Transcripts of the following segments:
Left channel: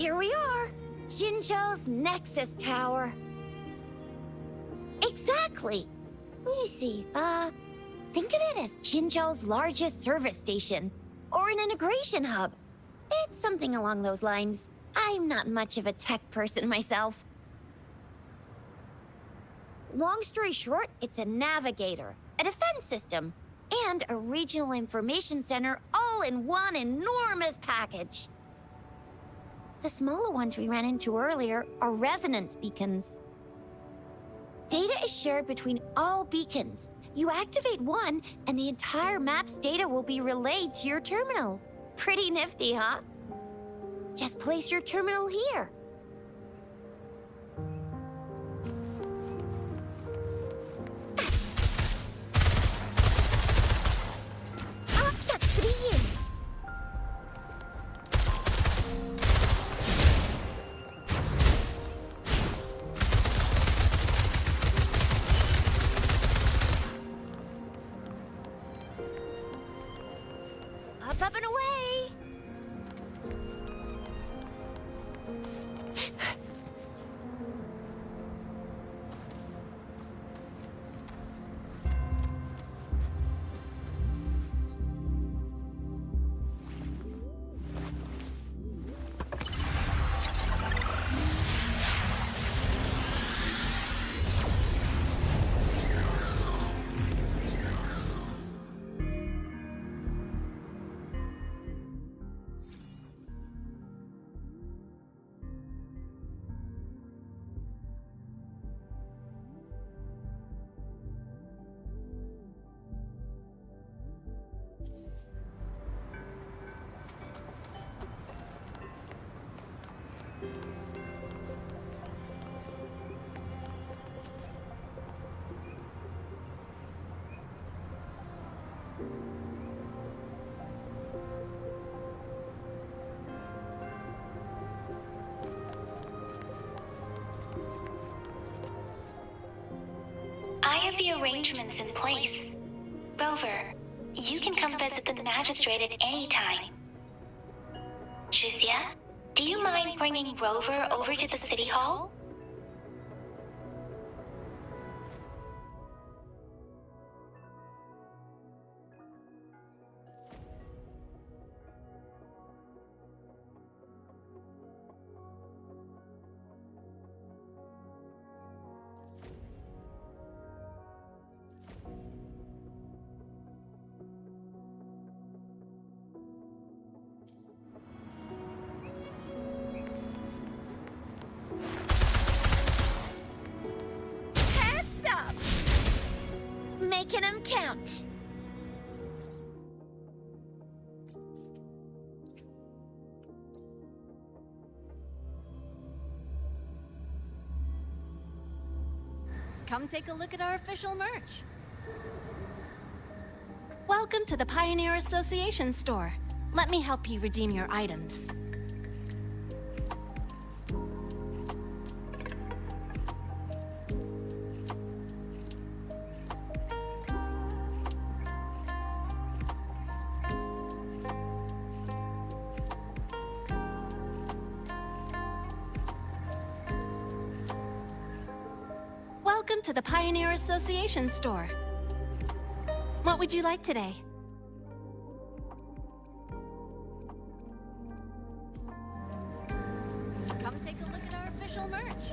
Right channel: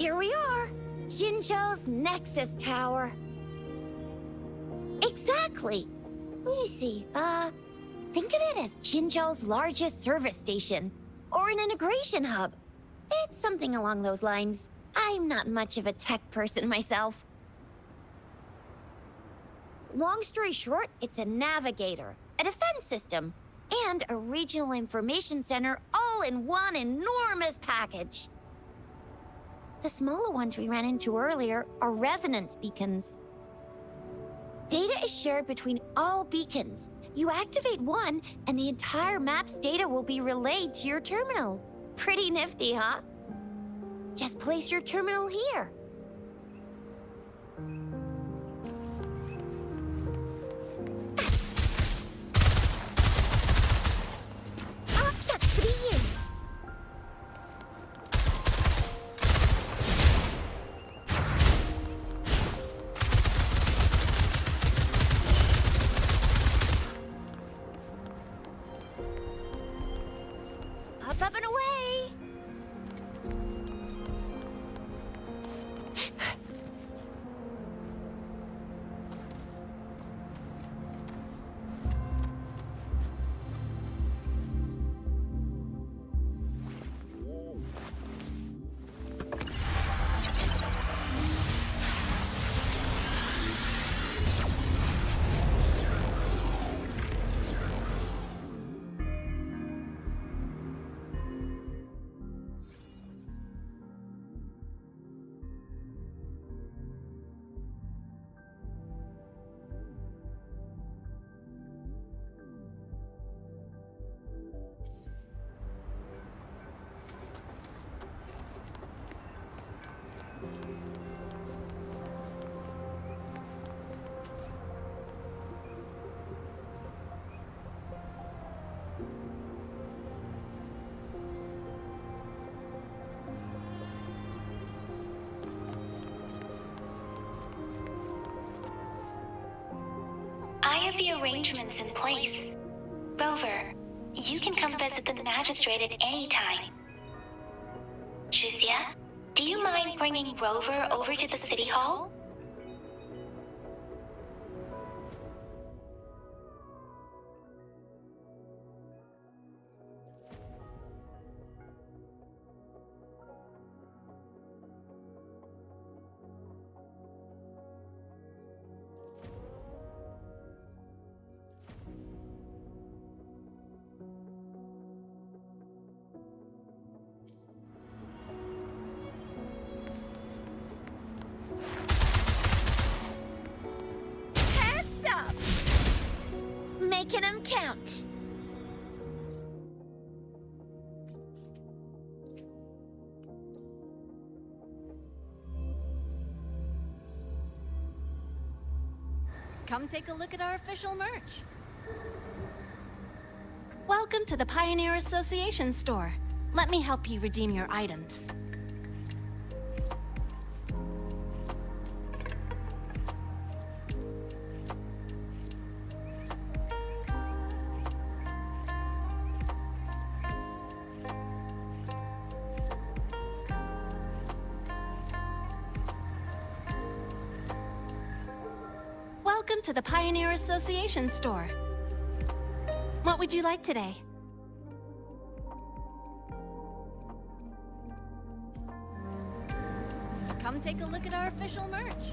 Here we are, Jinzhou's Nexus Tower. Exactly. Let me see, think of it as Jinzhou's largest service station, or an integration hub. It's something along those lines. I'm not much of a tech person myself. Long story short, it's a navigator, a defense system, and a regional information center all in one enormous package. The smaller ones we ran into earlier are resonance beacons. Data is shared between all beacons. You activate one, and the entire map's data will be relayed to your terminal. Pretty nifty, huh? Just place your terminal here. Oh, sucks to be you. Up and away! I have the arrangements in place. Rover, you can come visit the Magistrate at any time. Chixia, do you mind bringing Rover over to the City Hall? Making them count. Come take a look at our official merch. Welcome to the Pioneer Association store. Let me help you redeem your items. Welcome to the Pioneer Association store. What would you like today? Come take a look at our official merch.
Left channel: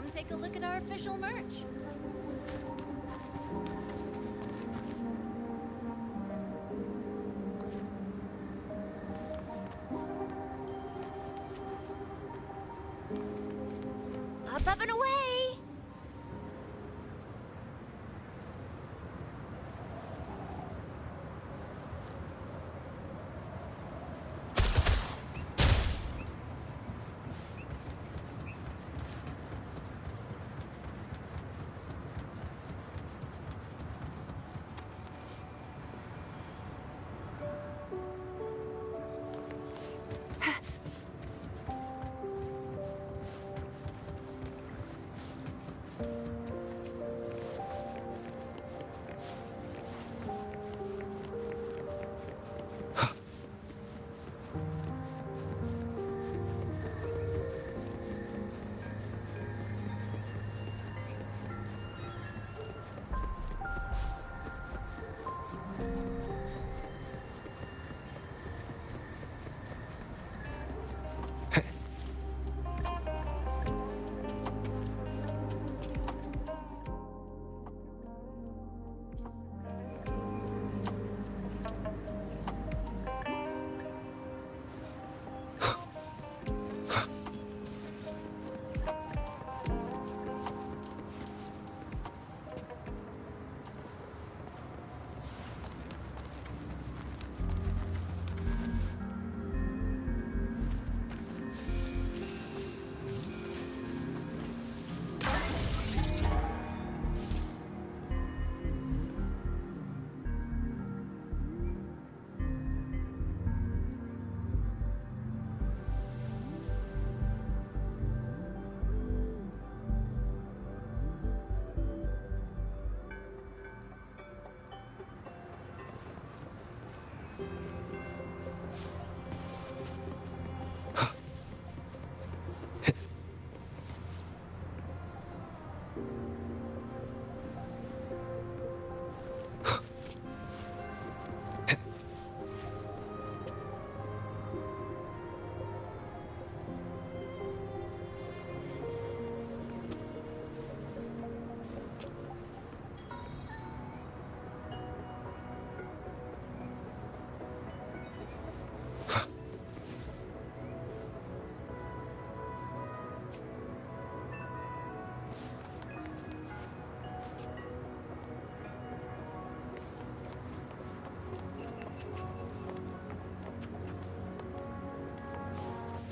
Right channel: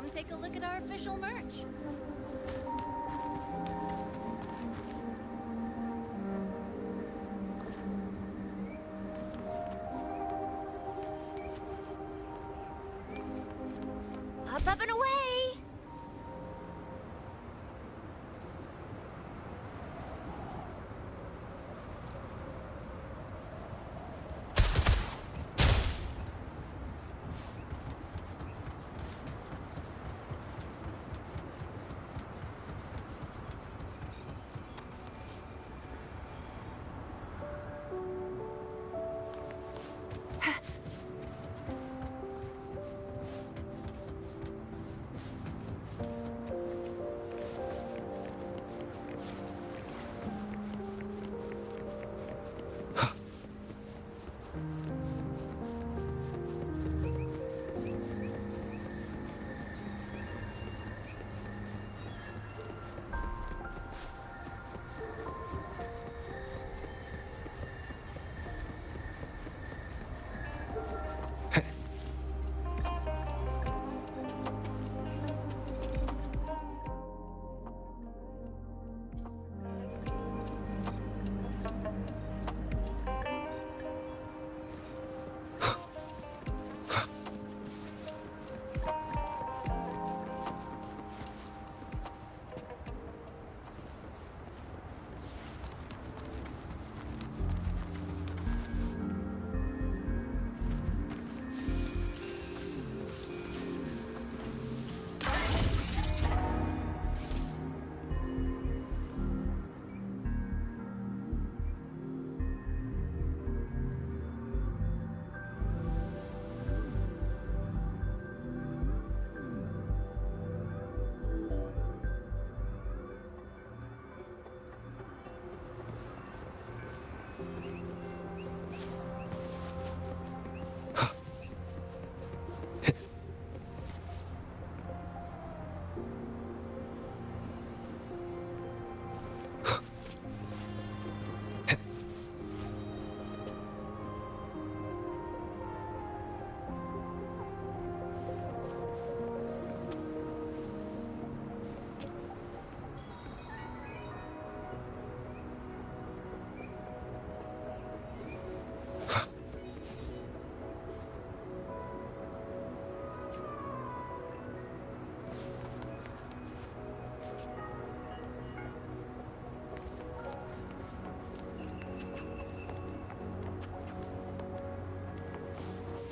come take a look at our official merch. Up and away!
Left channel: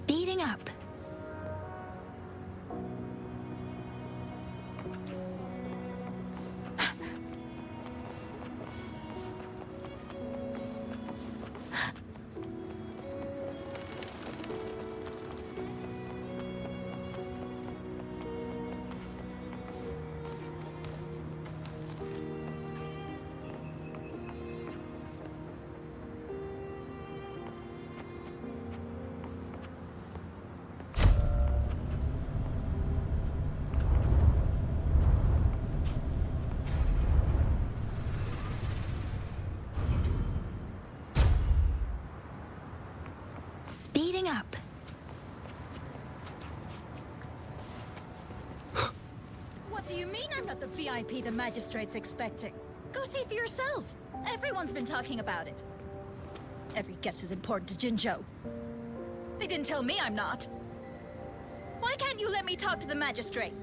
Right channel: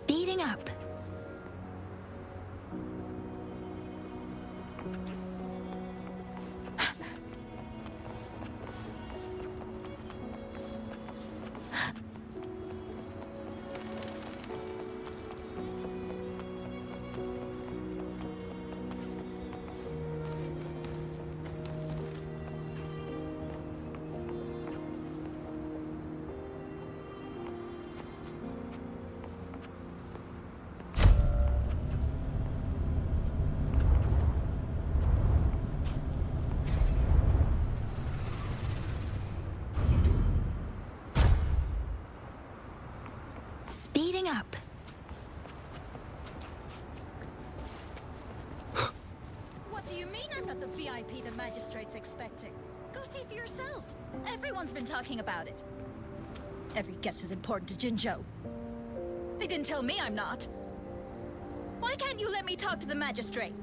Speeding up. Speeding up. What do you mean I'm not the VIP the Magistrate's expecting? Go see for yourself. Everyone's been talking about it. Every guest is important to Jinzhou. They didn't tell me I'm not. Why can't you let me talk to the Magistrate?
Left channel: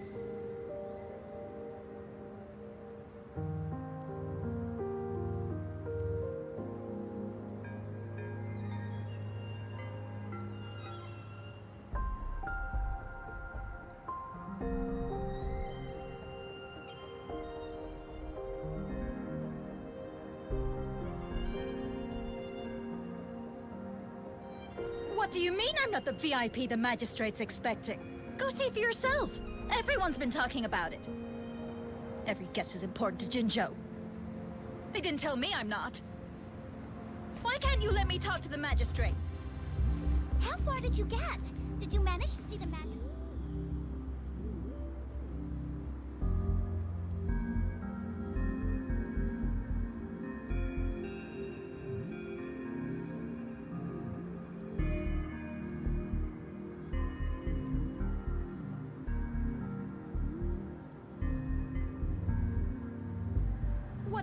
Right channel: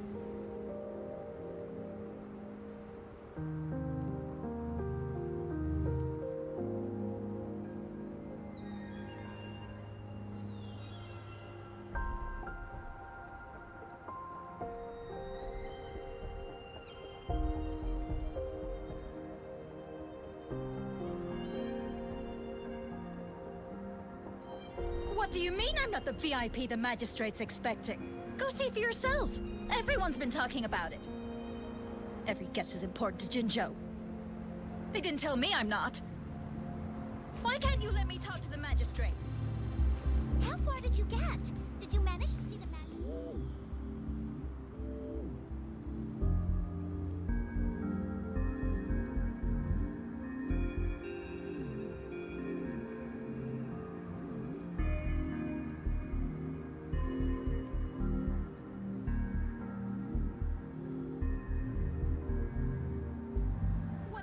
What do you mean I'm not the VIP the Magistrate's expecting? Go see for yourself. Everyone's been talking about it. Every guest is important to Jinzhou. They didn't tell me I'm not. Why can't you let me talk to the Magistrate? How far did you get? Did you manage to see the magistrate?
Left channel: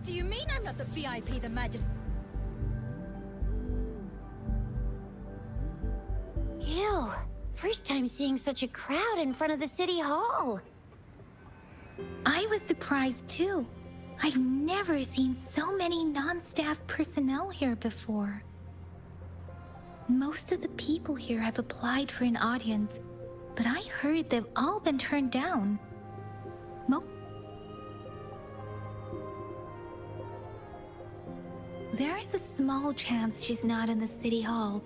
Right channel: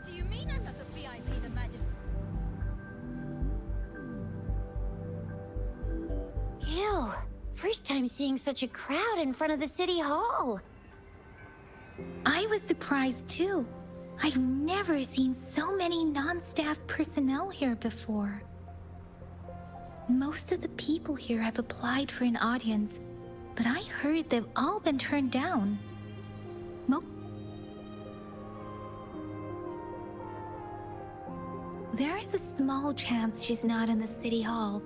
What do you mean I'm not the VIP the Magistrate? Ew. First time seeing such a crowd in front of the city hall. I was surprised too. I've never seen so many non-staff personnel here before. Most of the people here have applied for an audience, but I heard they've all been turned down. There is a small chance she's not in the city hall,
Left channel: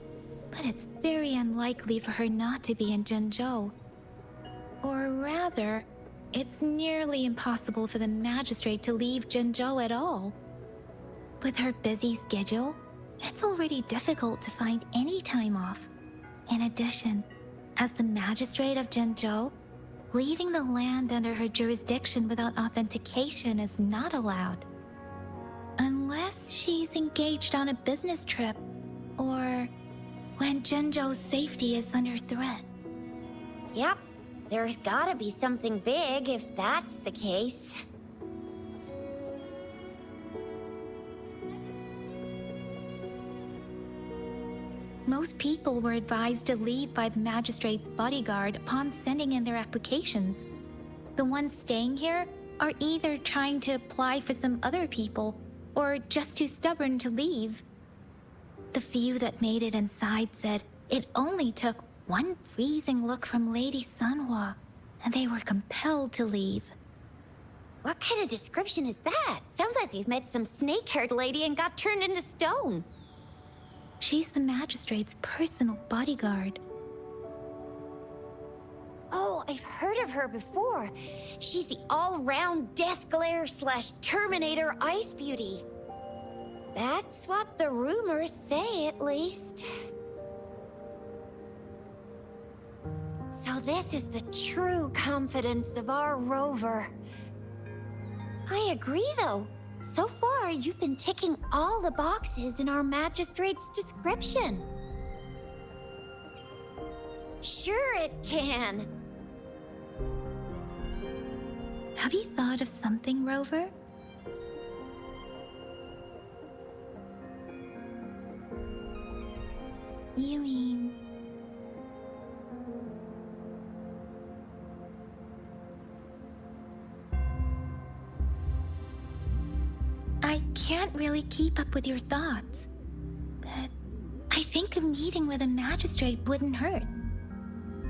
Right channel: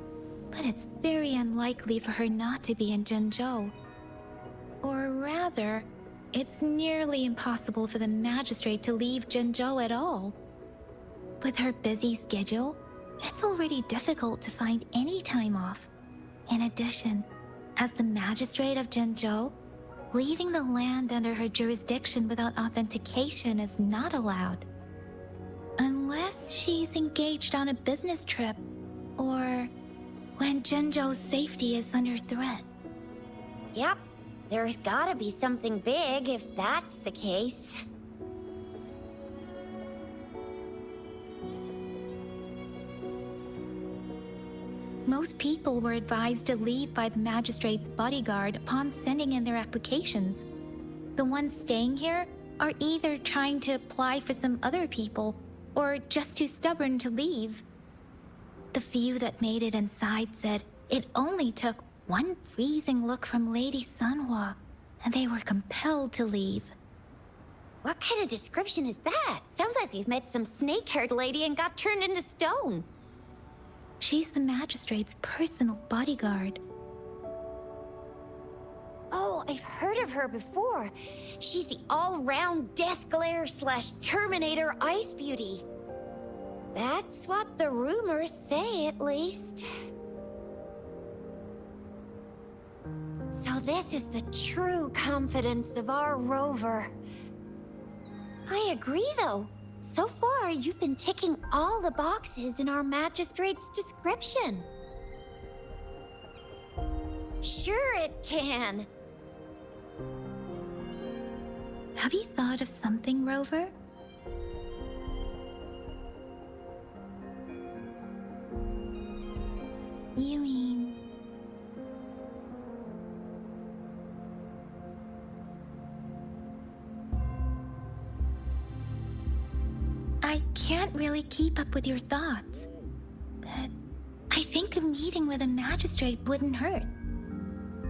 but it's very unlikely for her not to be in Jinzhou. Or rather, it's nearly impossible for the Magistrate to leave Jinzhou at all. With her busy schedule, it's already difficult to find any time off. In addition, as the Magistrate of Jinzhou, leaving the land under her jurisdiction without authentication is not allowed. Unless she's engaged on a business trip, or when Jinzhou's safety is under threat. Yep. There's gotta be something big if that's the case. Most people were advised to leave by the Magistrate's bodyguard upon sending in their applications. The ones staying here are either trying to apply for some other people, or just too stubborn to leave. The few that made it inside said it only took one freezing look from Lady Sanhua, and they were compelled to leave. What kind of description is that? Sounds like you've met some snake-haired lady and got turned into stone. She's the Magistrate's personal bodyguard. Oh, I've heard of her before. She's the all-round Death Glare / Terminator Ice Beauty. That's what the rumors say, at least. So this is the true confidence of our Rover. I agree, though. So far, you've been ticking all the boxes in our Magistrate's description. Sure it can. Have you thought of something, Rover? You mean... I can't really keep up with your thoughts, but I think a meeting with a magistrate wouldn't hurt.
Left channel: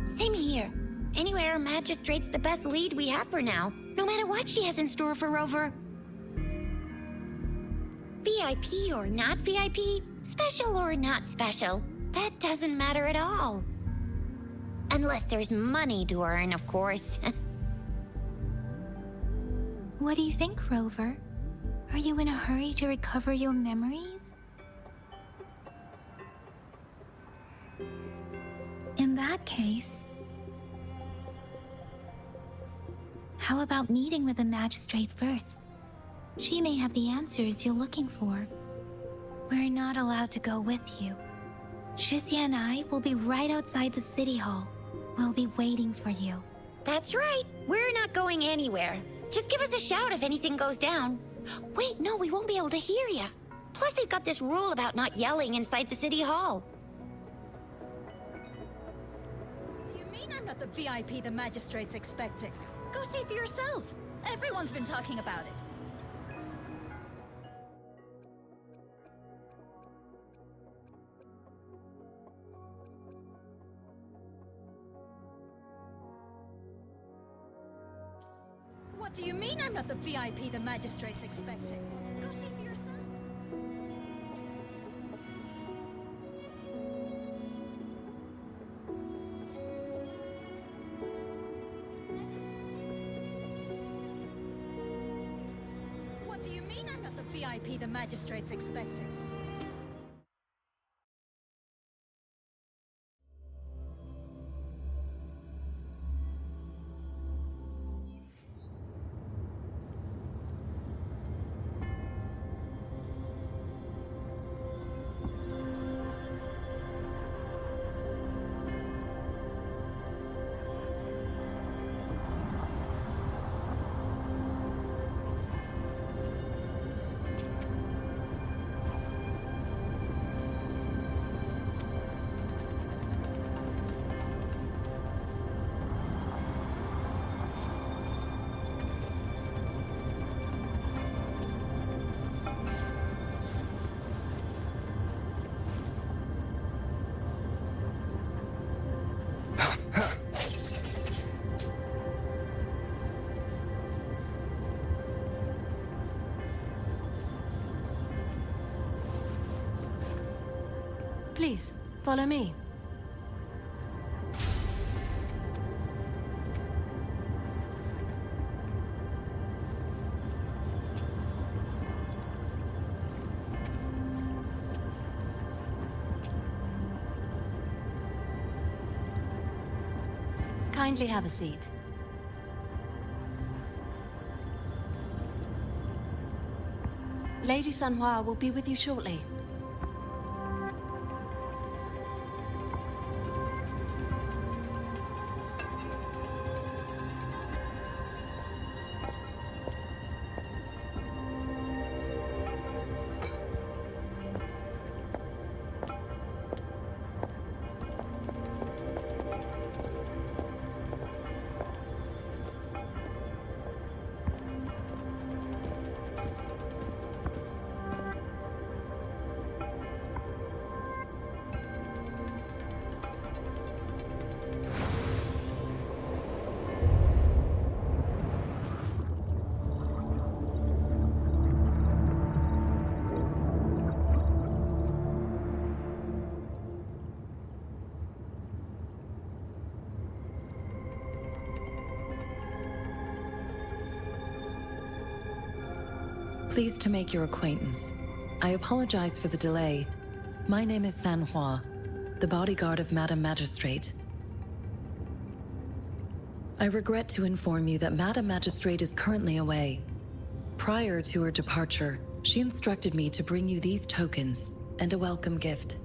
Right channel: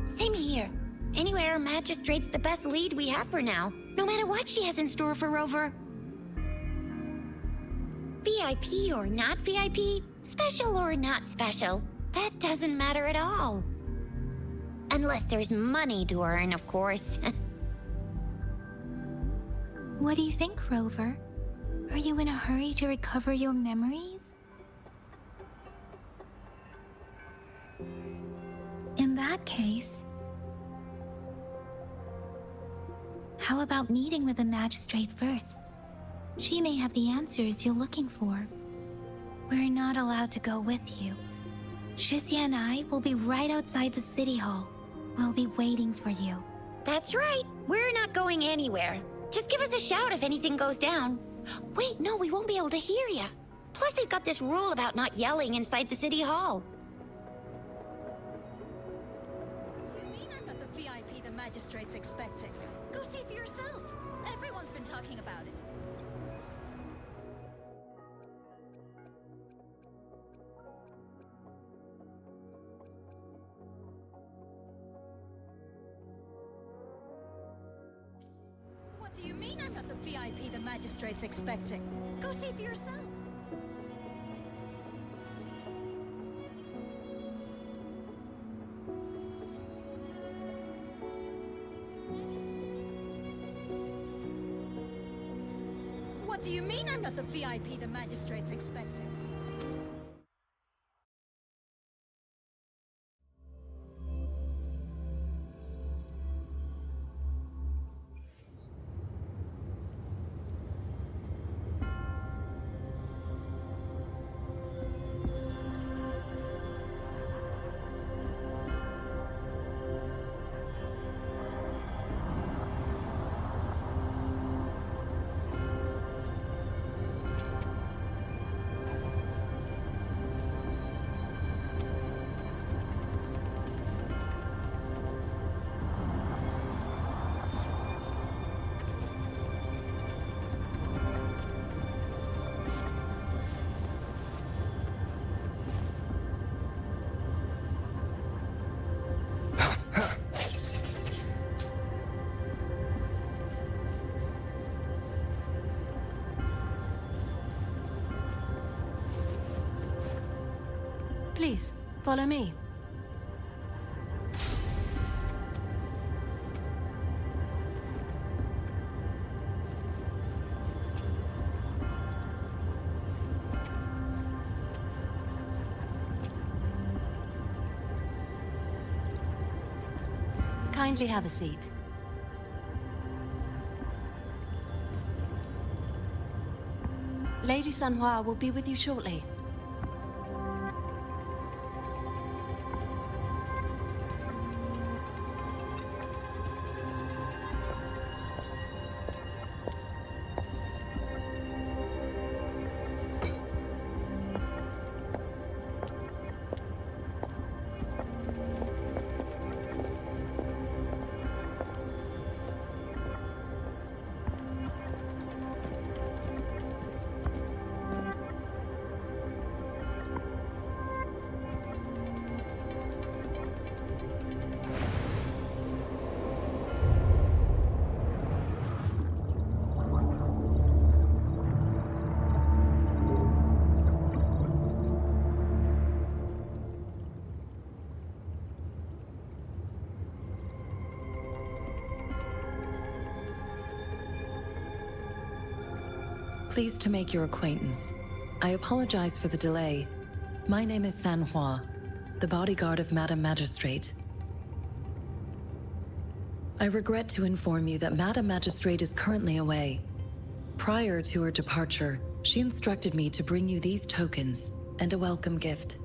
Same here. Anywhere, Magistrate's the best lead we have for now, no matter what she has in store for Rover. VIP or not VIP, special or not special, that doesn't matter at all. Unless there's money to earn, of course. What do you think, Rover? Are you in a hurry to recover your memories? In that case, how about meeting with the Magistrate first? She may have the answers you're looking for. We're not allowed to go with you. Chixia and I will be right outside the city hall. We'll be waiting for you. That's right. We're not going anywhere. Just give us a shout if anything goes down. Wait, no, we won't be able to hear you. Plus, they've got this rule about not yelling inside the city hall. Do you mean I'm not the VIP the Magistrate's expecting? Go see for yourself. Everyone's been talking about it. What do you mean I'm not the VIP the Magistrate's expecting? Go see for yourself. What do you mean I'm not the VIP the Magistrate's expecting? Please, follow me. Kindly have a seat. Lady Sanhua will be with you shortly. Pleased to make your acquaintance. I apologize for the delay. My name is Sanhua, the bodyguard of Madam Magistrate. I regret to inform you that Madam Magistrate is currently away. Prior to her departure, she instructed me to bring you these tokens and a welcome gift.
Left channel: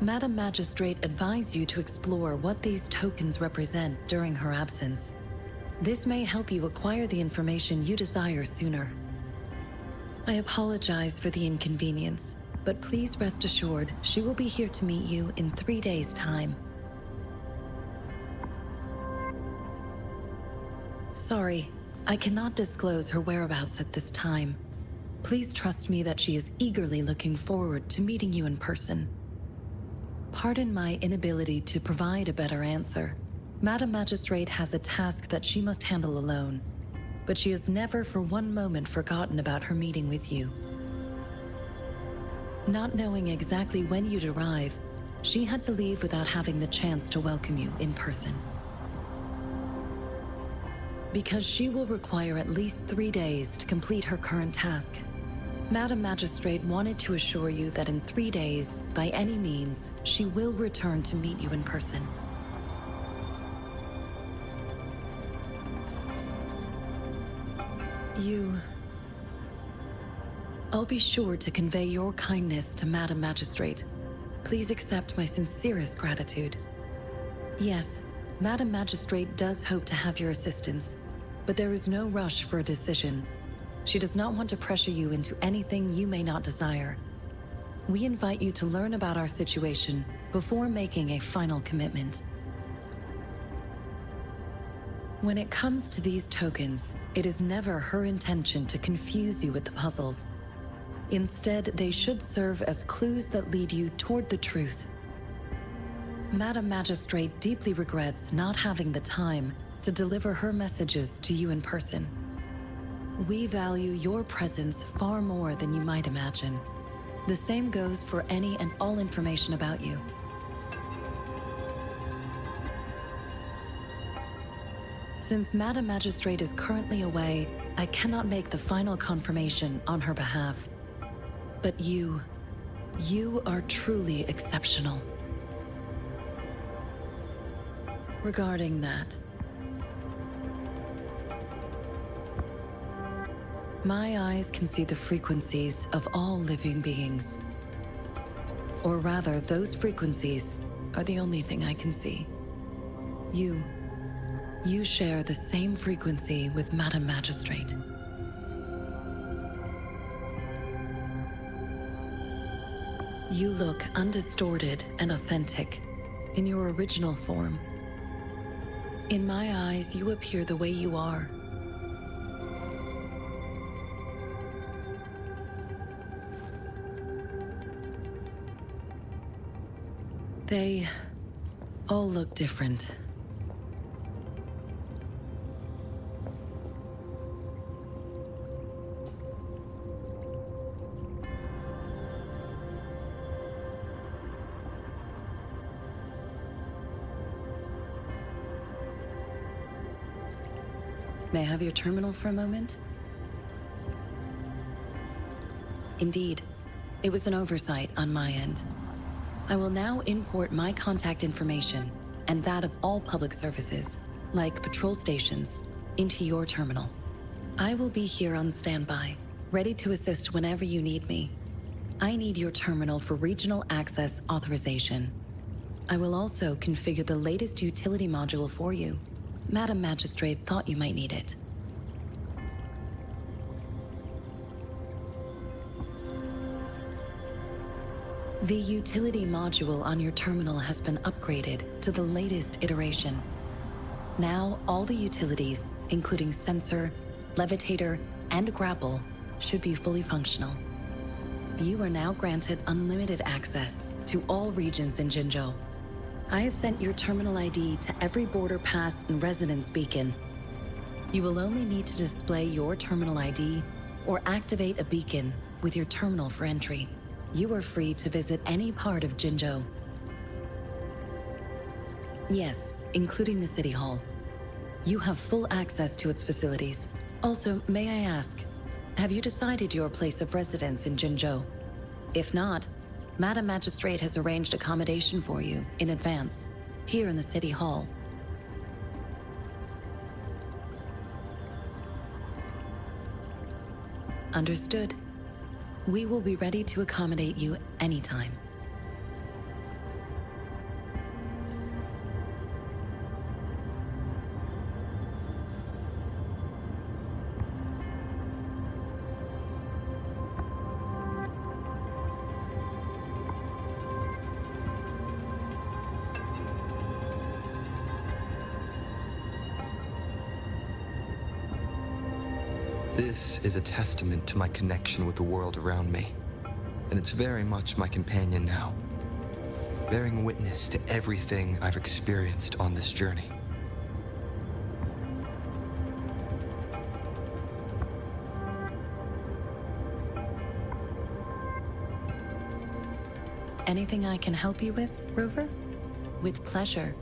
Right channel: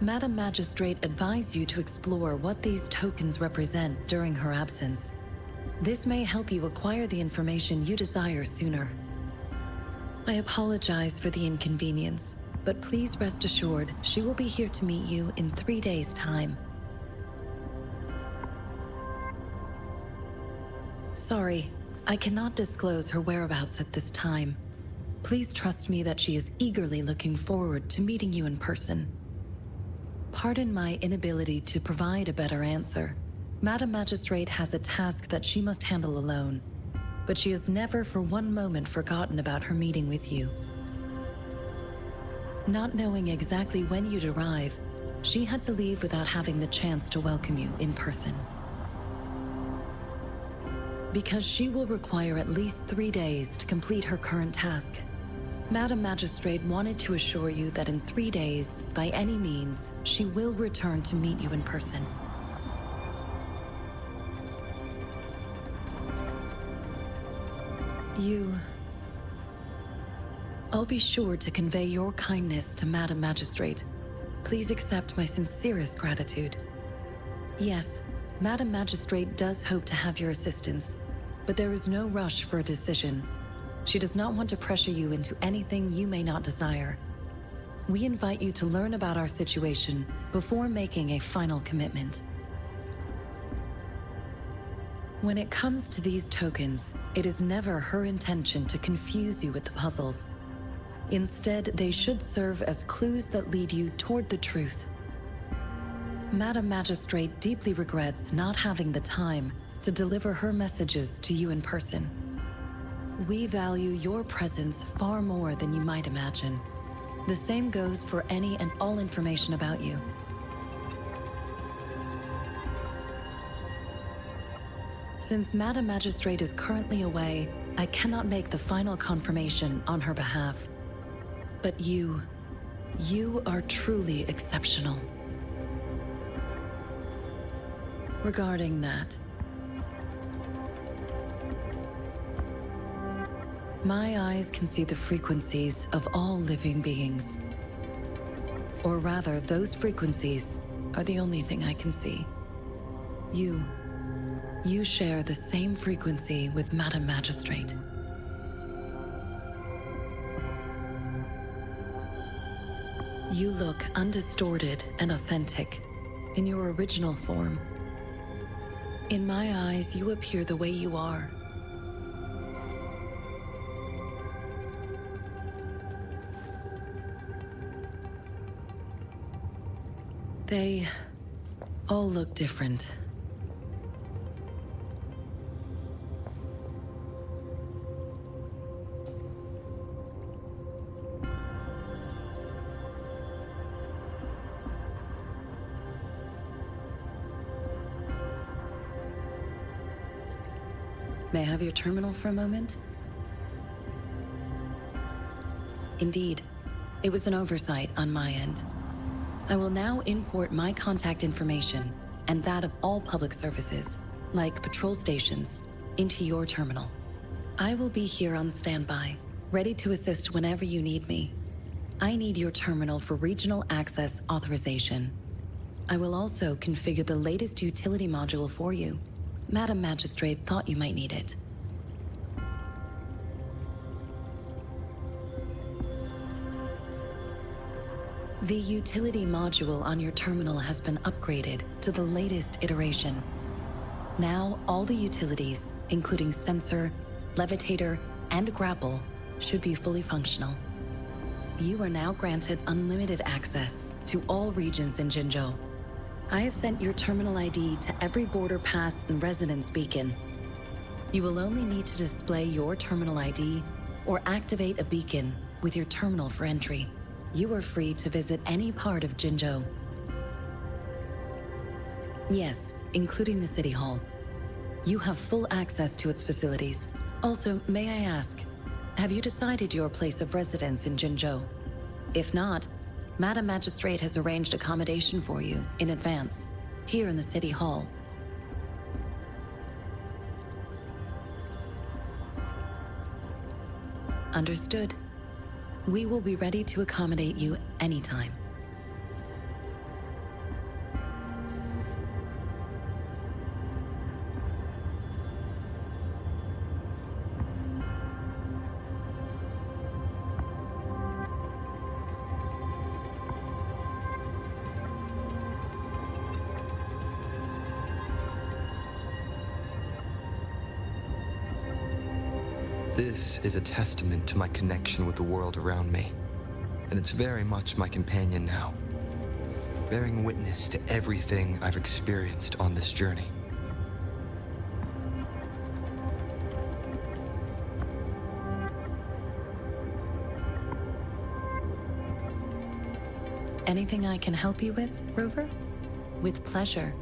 Madam Magistrate advised you to explore what these tokens represent during her absence. This may help you acquire the information you desire sooner. I apologize for the inconvenience, but please rest assured she will be here to meet you in 3 days' time. Sorry, I cannot disclose her whereabouts at this time. Please trust me that she is eagerly looking forward to meeting you in person. Pardon my inability to provide a better answer. Madam Magistrate has a task that she must handle alone, but she has never for one moment forgotten about her meeting with you. Not knowing exactly when you'd arrive, she had to leave without having the chance to welcome you in person. Because she will require at least 3 days to complete her current task, Madam Magistrate wanted to assure you that in 3 days, by any means, she will return to meet you in person. I'll be sure to convey your kindness to Madam Magistrate. Please accept my sincerest gratitude. Yes, Madam Magistrate does hope to have your assistance, but there is no rush for a decision. She does not want to pressure you into anything you may not desire. We invite you to learn about our situation before making a final commitment. When it comes to these tokens, it is never her intention to confuse you with the puzzles. Instead, they should serve as clues that lead you toward the truth. Madam Magistrate deeply regrets not having the time to deliver her messages to you in person. We value your presence far more than you might imagine. The same goes for any and all information about you. Since Madam Magistrate is currently away, I cannot make the final confirmation on her behalf. But you are truly exceptional. Regarding that, my eyes can see the frequencies of all living beings. Or rather, those frequencies are the only thing I can see. You share the same frequency with Madam Magistrate. You look undistorted and authentic in your original form. In my eyes, you appear the way you are. They all look different. May I have your terminal for a moment? Indeed, it was an oversight on my end. I will now import my contact information and that of all public services, like patrol stations, into your terminal. I will be here on standby, ready to assist whenever you need me. I need your terminal for regional access authorization. I will also configure the latest utility module for you. Madam Magistrate thought you might need it. The utility module on your terminal has been upgraded to the latest iteration. Now, all the utilities, including sensor, levitator, and grapple, should be fully functional. You are now granted unlimited access to all regions in Jinzhou. I have sent your terminal ID to every border pass and residence beacon. You will only need to display your terminal ID or activate a beacon with your terminal for entry. You are free to visit any part of Jinzhou. Yes, including the City Hall. You have full access to its facilities. Also, may I ask, have you decided your place of residence in Jinzhou? If not, Madam Magistrate has arranged accommodation for you in advance, here in the City Hall. Understood. We will be ready to accommodate you anytime. This is a testament to my connection with the world around me, and it's very much my companion now, bearing witness to everything I've experienced on this journey. Anything I can help you with, Rover? With pleasure.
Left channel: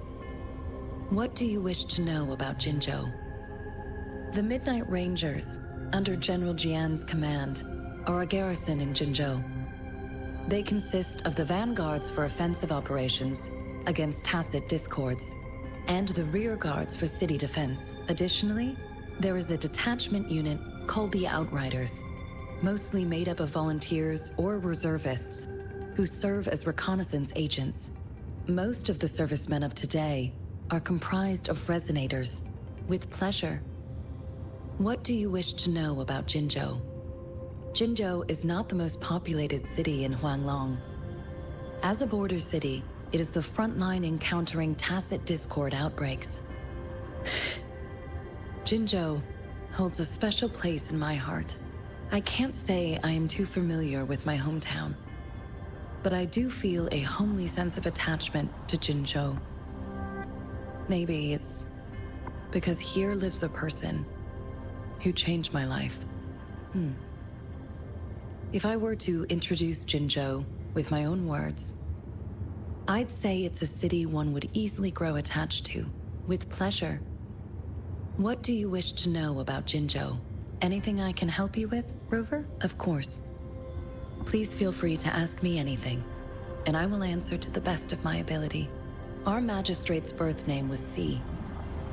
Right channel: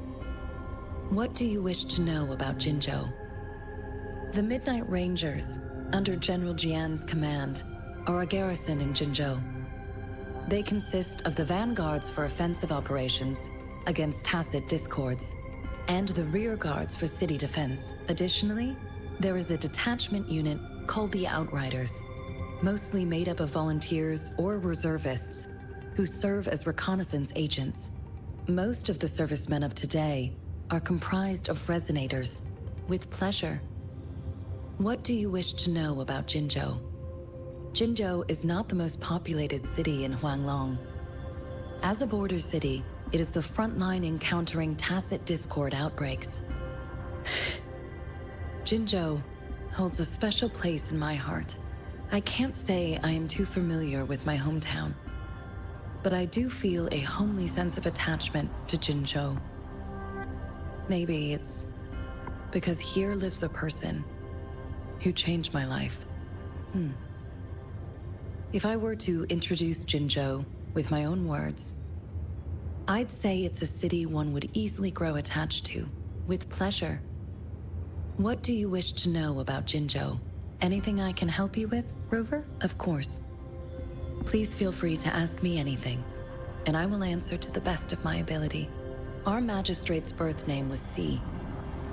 What do you wish to know about Jinzhou? The Midnight Rangers, under General Jian's command, are a garrison in Jinzhou. They consist of the vanguards for offensive operations against Tacet discords, and the rear guards for city defense. Additionally, there is a detachment unit called the Outriders, mostly made up of volunteers or reservists who serve as reconnaissance agents. Most of the servicemen of today are comprised of resonators. With pleasure. What do you wish to know about Jinzhou? Jinzhou is not the most populated city in Huanglong. As a border city, it is the front line in countering Tacet discord outbreaks. Jinzhou holds a special place in my heart. I can't say I am too familiar with my hometown, but I do feel a homely sense of attachment to Jinzhou. Maybe it's because here lives a person who changed my life. If I were to introduce Jinzhou with my own words, I'd say it's a city one would easily grow attached to, with pleasure. What do you wish to know about Jinzhou? Anything I can help you with, Rover? Of course. Please feel free to ask me anything, and I will answer to the best of my ability. Our magistrate's birth name was Si.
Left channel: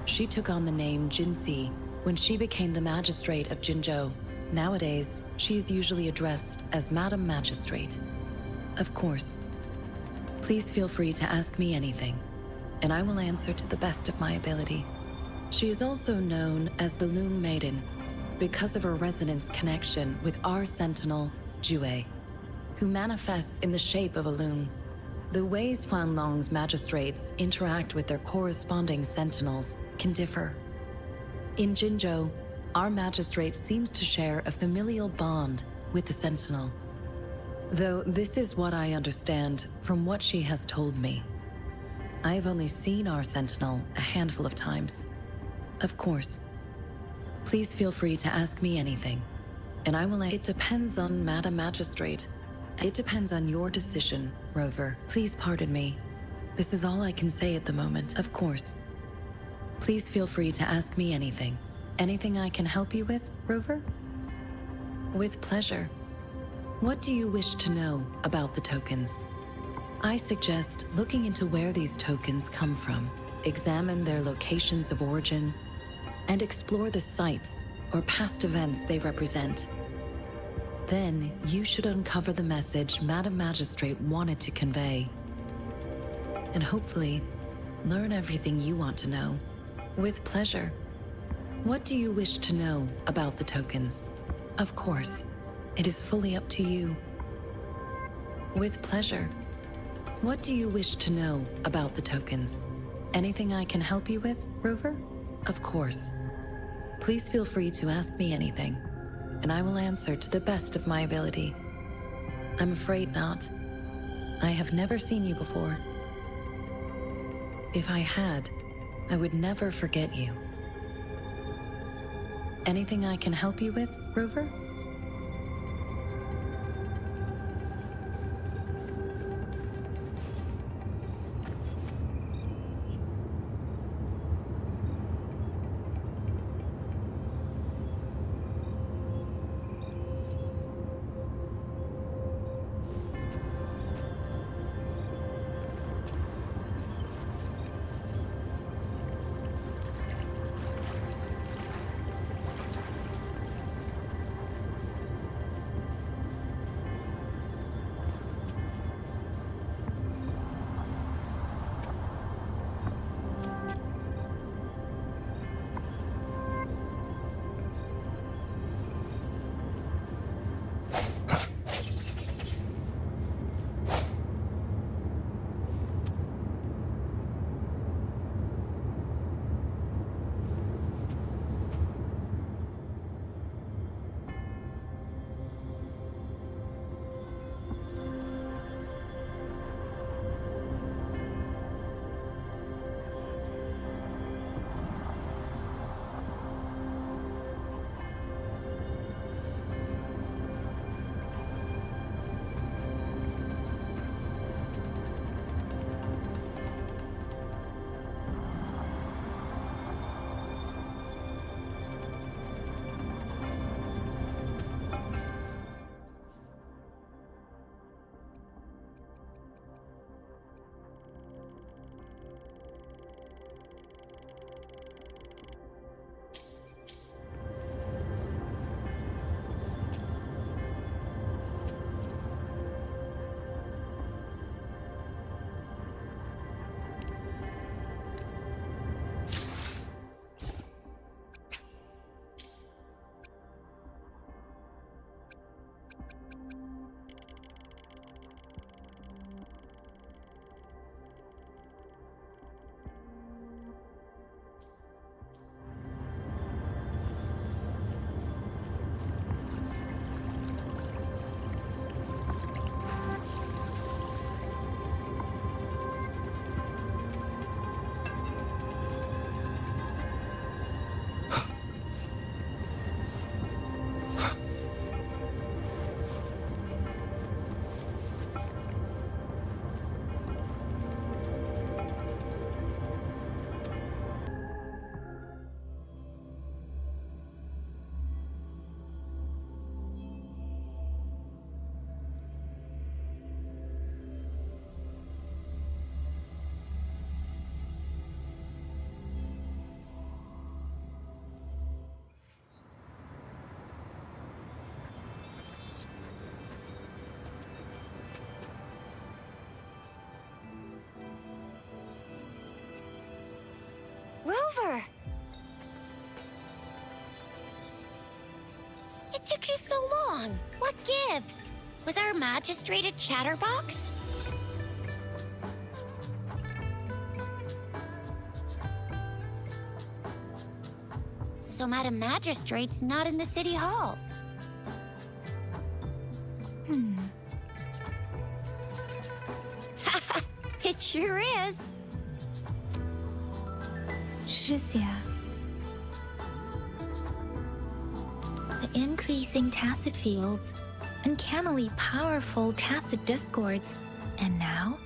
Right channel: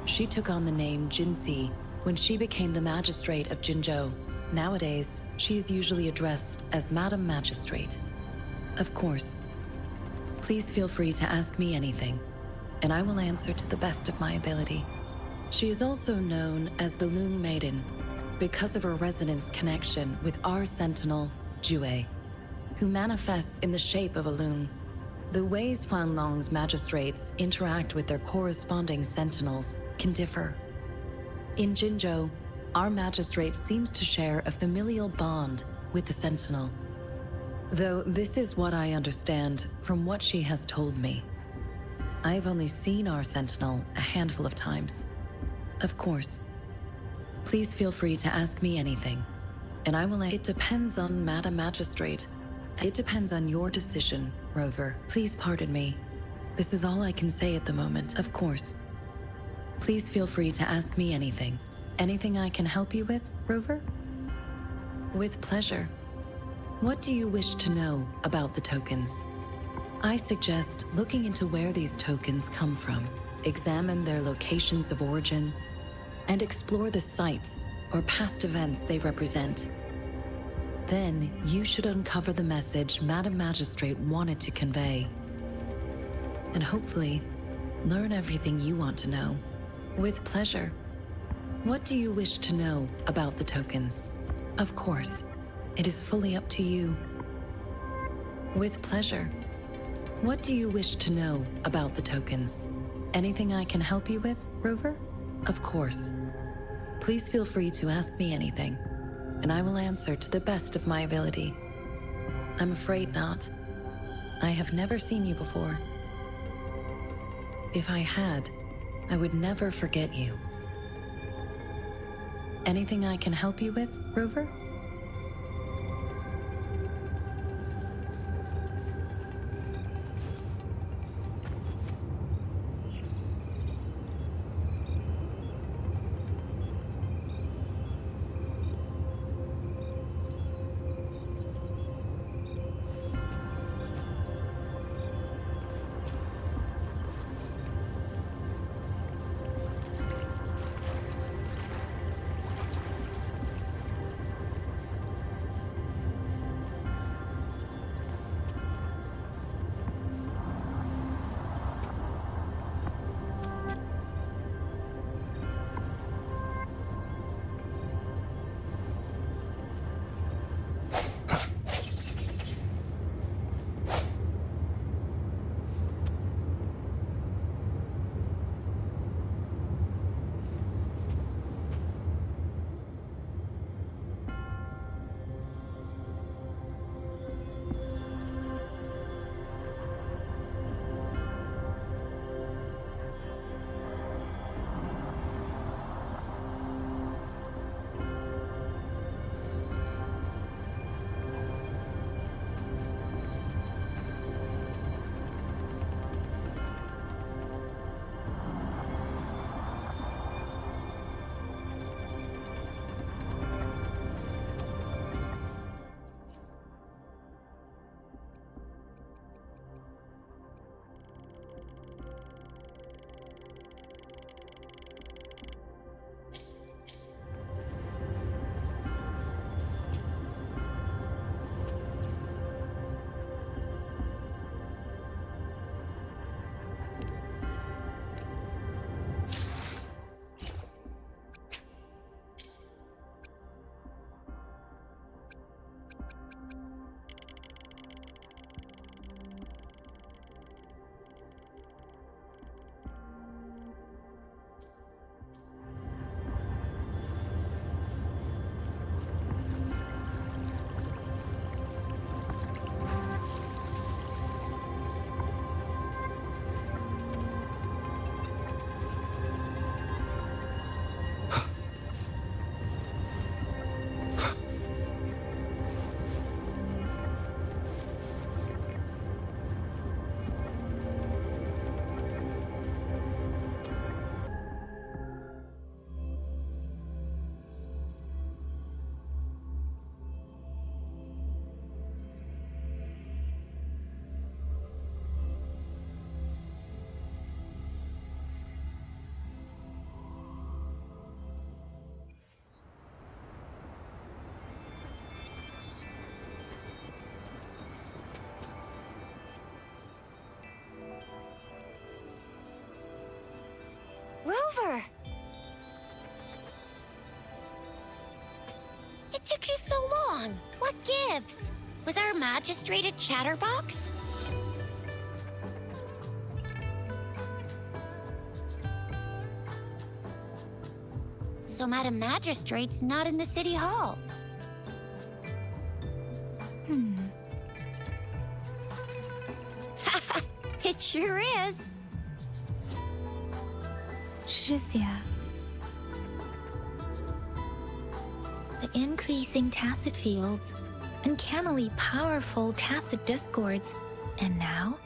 She took on the name Jinxi when she became the magistrate of Jinzhou. Nowadays, she is usually addressed as Madam Magistrate. Of course. Please feel free to ask me anything, and I will answer to the best of my ability. She is also known as the Loong Maiden because of her resonance connection with our sentinel, Jue, who manifests in the shape of a loong. The ways Huanglong's magistrates interact with their corresponding sentinels can differ. In Jinzhou, our magistrate seems to share a familial bond with the sentinel. Though this is what I understand from what she has told me. I have only seen our sentinel a handful of times. Of course. Please feel free to ask me anything, and I will. It depends on Madam Magistrate. It depends on your decision, Rover. Please pardon me. This is all I can say at the moment. Of course. Please feel free to ask me anything, Anything I can help you with, Rover? With pleasure. What do you wish to know about the tokens? I suggest looking into where these tokens come from, examine their locations of origin, and explore the sites or past events they represent. Then you should uncover the message Madam Magistrate wanted to convey, and hopefully learn everything you want to know. With pleasure. What do you wish to know about the tokens? Of course, it is fully up to you. With pleasure. What do you wish to know about the tokens? Anything I can help you with, Rover? Of course. Please feel free to ask me anything, and I will answer to the best of my ability. I'm afraid not. I have never seen you before. If I had, I would never forget you. Anything I can help you with, Rover? Rover! It took you so long. What gives? Was our magistrate a chatterbox? So Madam Magistrate's not in the city hall. It sure is. Chixia. The increasing Tacet fields, uncannily powerful Tacet discords, and now,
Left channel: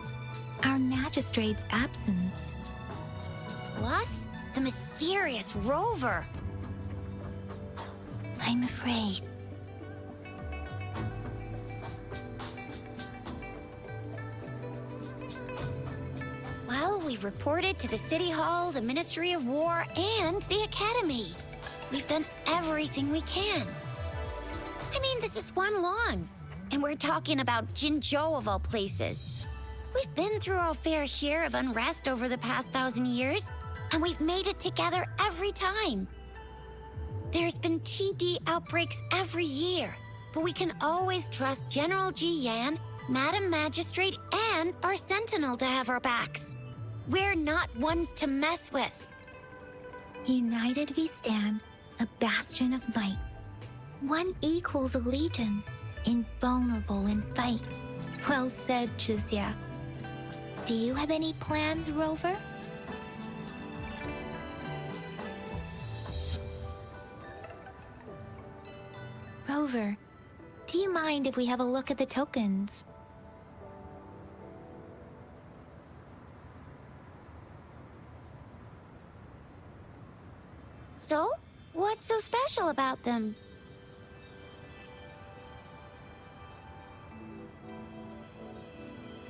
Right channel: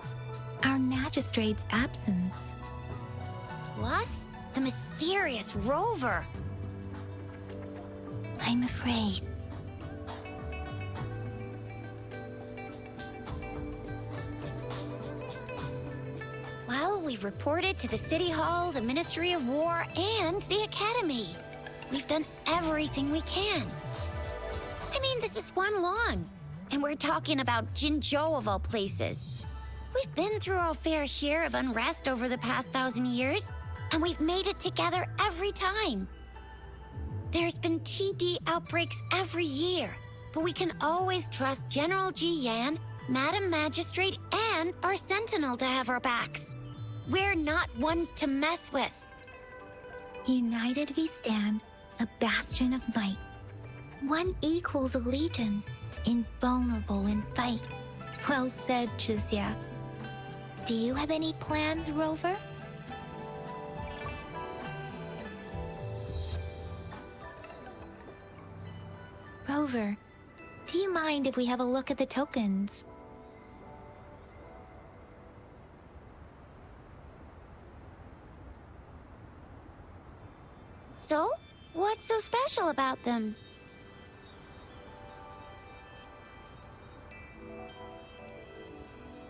our magistrate's absence. Plus, the mysterious Rover. I'm afraid. Well, we've reported to the City Hall, the Ministry of War, and the Academy. We've done everything we can. I mean, this is Huanglong, and we're talking about Jinzhou of all places. We've been through our fair share of unrest over the past 1,000 years, and we've made it together every time. There's been TD outbreaks every year, but we can always trust General Jianhan, Madam Magistrate, and our Sentinel to have our backs. We're not ones to mess with. United we stand, a bastion of might. One equals a legion, invulnerable in fight. Well said, Chixia. Do you have any plans, Rover? Rover, do you mind if we have a look at the tokens? So, what's so special about them?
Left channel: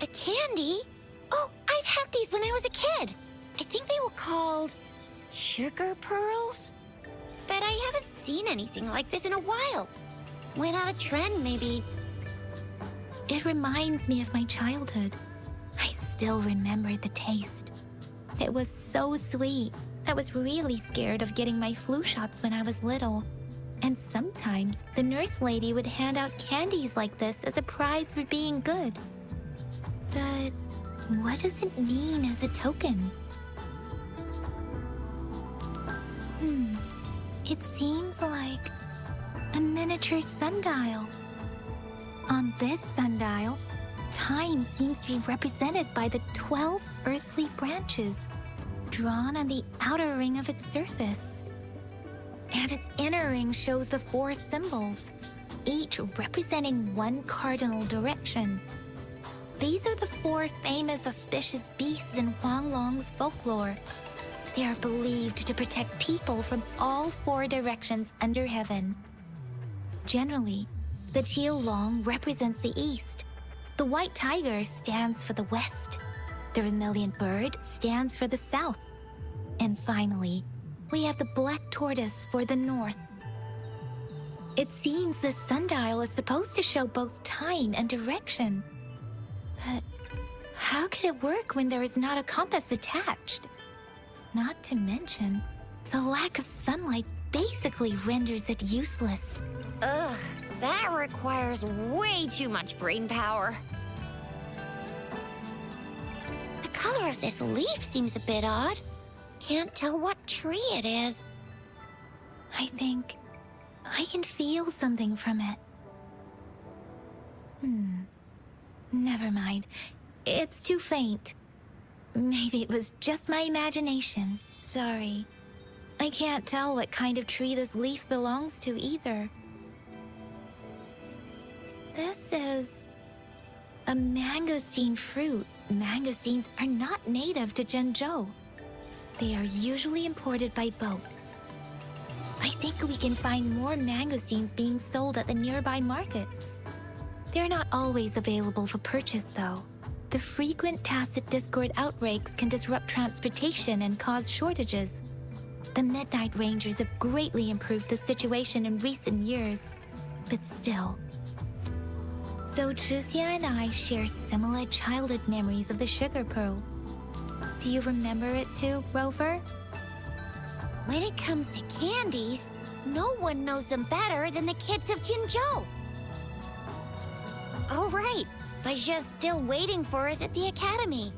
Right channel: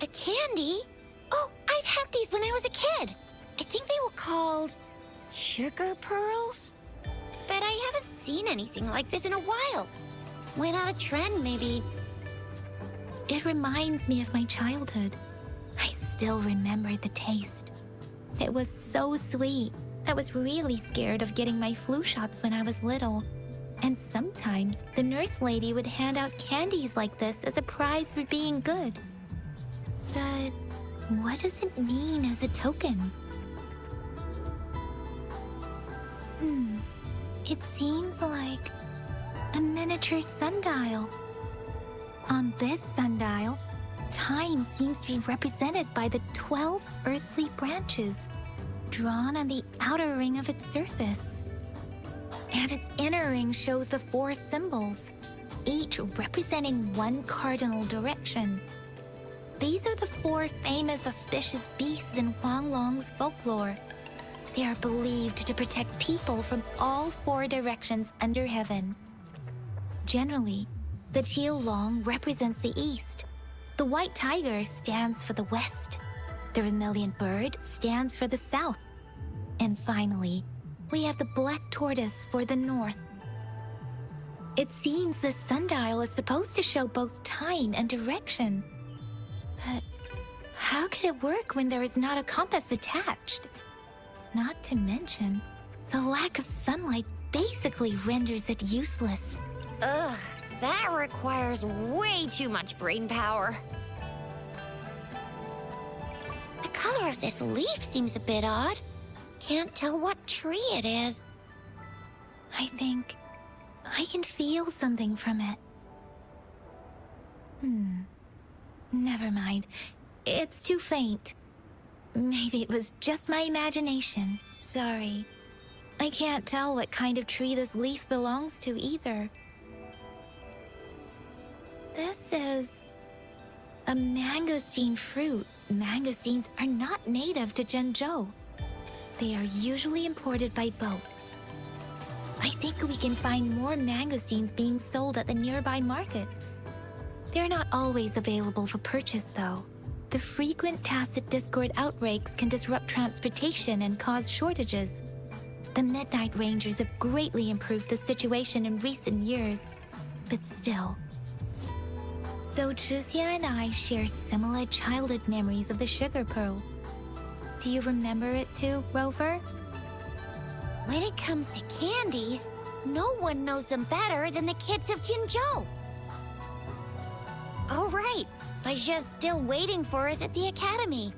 A candy? Oh, I've had these when I was a kid. I think they were called sugar pearls? But I haven't seen anything like this in a while. Went out of trend, maybe. It reminds me of my childhood. I still remember the taste. It was so sweet. I was really scared of getting my flu shots when I was little. And sometimes the nurse lady would hand out candies like this as a prize for being good. But what does it mean as a token? It seems like a miniature sundial. On this sundial, time seems to be represented by the 12 earthly branches drawn on the outer ring of its surface. And its inner ring shows the 4 symbols, each representing one cardinal direction. These are the 4 famous auspicious beasts in Huanglong's folklore. They are believed to protect people from all 4 directions under heaven. Generally, the teal long represents the east. The white tiger stands for the west. The vermilion bird stands for the south. And finally, we have the black tortoise for the north. It seems the sundial is supposed to show both time and direction. But how can it work when there is not a compass attached? Not to mention, the lack of sunlight basically renders it useless. Ugh, that requires way too much brain power. The color of this leaf seems a bit odd. Can't tell what tree it is. I think I can feel something from it. Never mind. It's too faint. Maybe it was just my imagination. Sorry. I can't tell what kind of tree this leaf belongs to either. This is a mangosteen fruit. Mangosteens are not native to Jinzhou. They are usually imported by boat. I think we can find more mangosteens being sold at the nearby markets. They're not always available for purchase, though. The frequent Tacet Discord outbreaks can disrupt transportation and cause shortages. The Midnight Rangers have greatly improved the situation in recent years, but still. So Chixia and I share similar childhood memories of the sugar pearl. Do you remember it too, Rover? When it comes to candies, no one knows them better than the kids of Jinzhou. Oh, right. Baizhi's still waiting for us at the academy.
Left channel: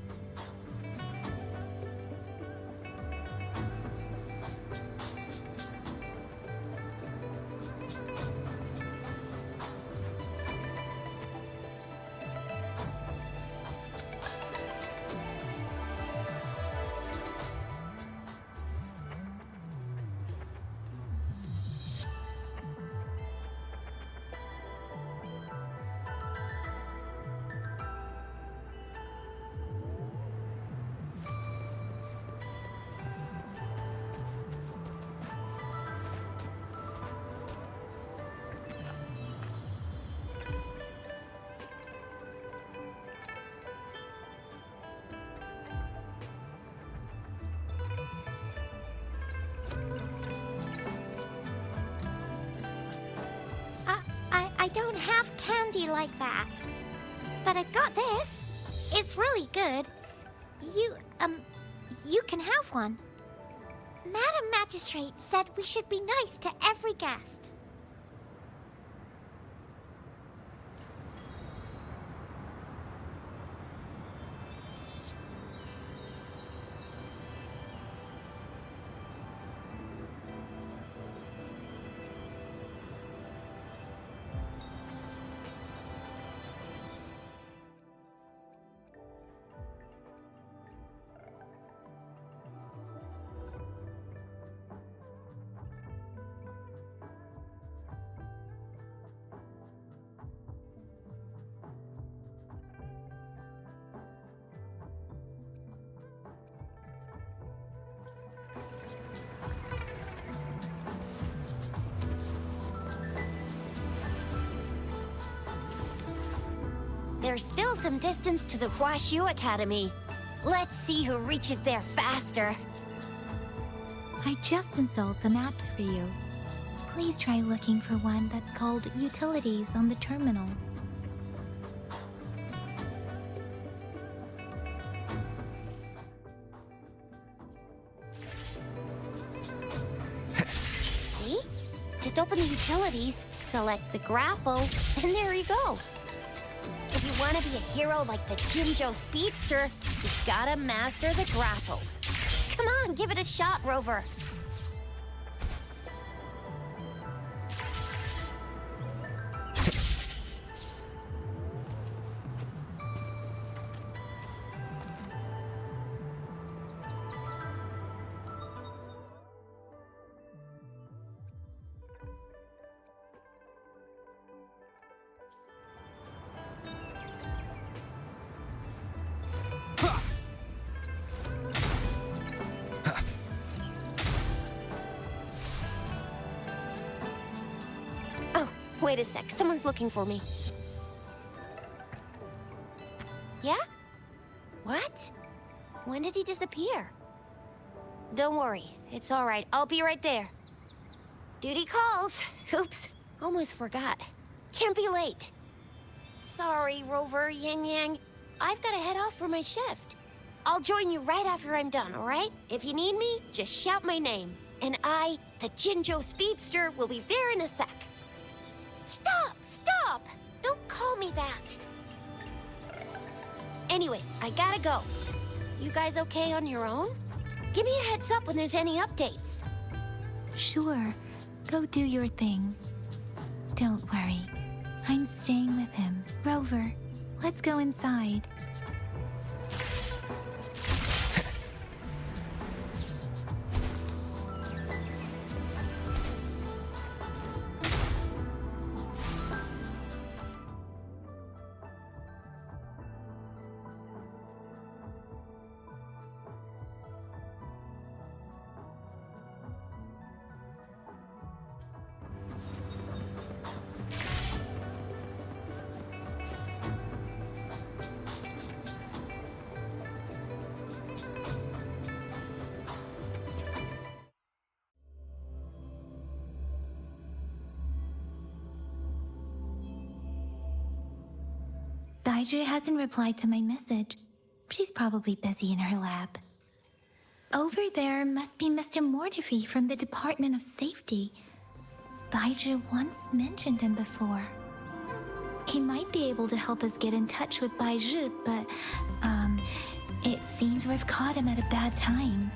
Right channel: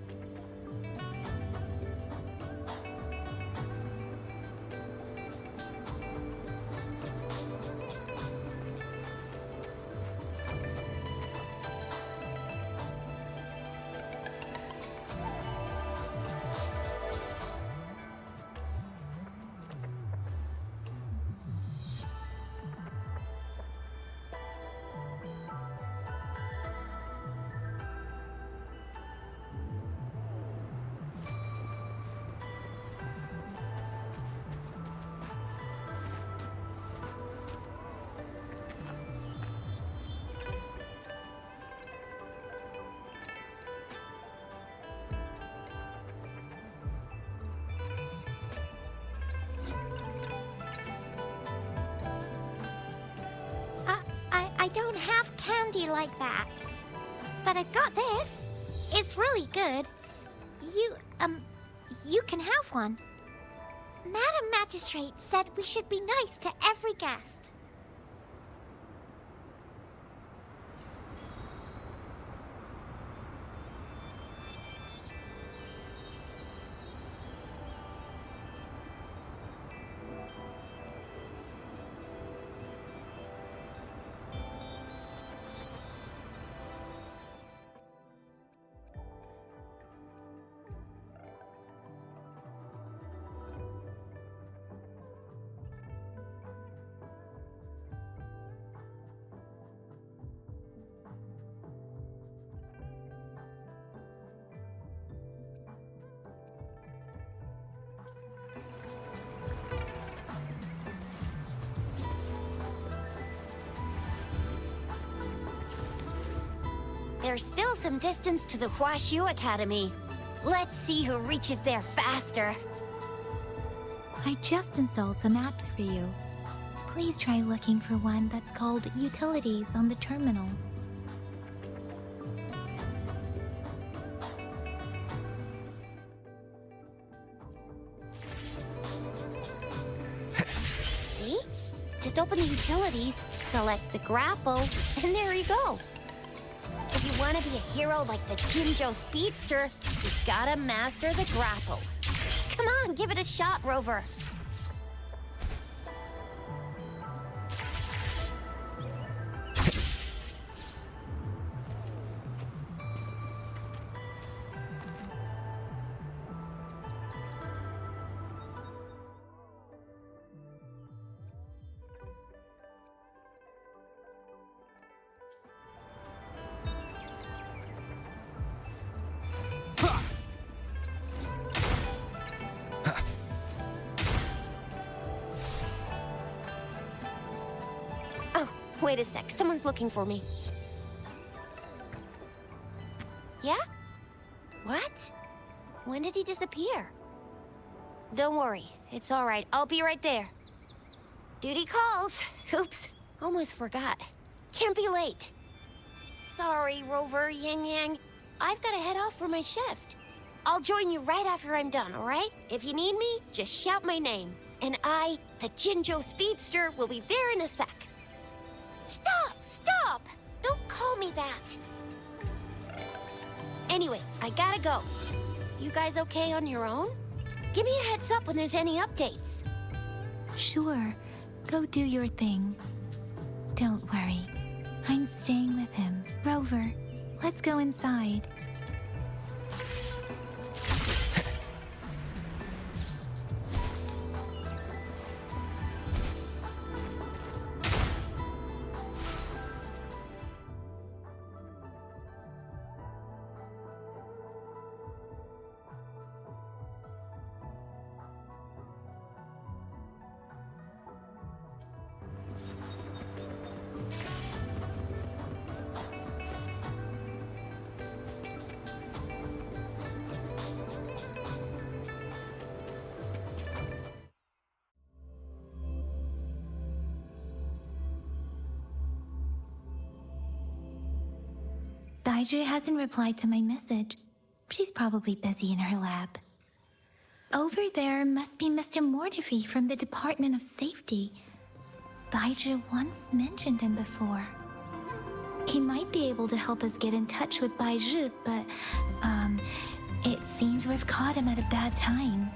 don't have candy like that. But I've got this. It's really good. You can have one. Madam Magistrate said we should be nice to every guest. There's still some distance to the Huaxu Academy. Let's see who reaches there faster. I just installed some apps for you. Please try looking for one that's called Utilities on the terminal. See? Just open the utilities, select the grapple, and there you go. If you want to be a hero like the Jinzhou Speedster, you gotta master the grapple. Come on, give it a shot, Rover. Wait a sec, someone's looking for me. Yeah? What? When did he disappear? Don't worry, it's all right. I'll be right there. Duty calls. Oops, almost forgot. Can't be late. Sorry, Rover, Yang Yang. I've got to head off for my shift. I'll join you right after I'm done, all right? If you need me, just shout my name. And I, the Jinzhou Speedster, will be there in a sec. Stop! Stop! Don't call me that! Anyway, I gotta go. You guys okay on your own? Give me a heads up when there's any updates. Sure, go do your thing. Don't worry, I'm staying with him. Rover, let's go inside. Baizhi hasn't replied to my message. She's probably busy in her lab. Over there must be Mr. Mortefi from the Department of Safety. Baizhi once mentioned him before. He might be able to help us get in touch with Baizhi, but, it seems we've caught him at a bad time.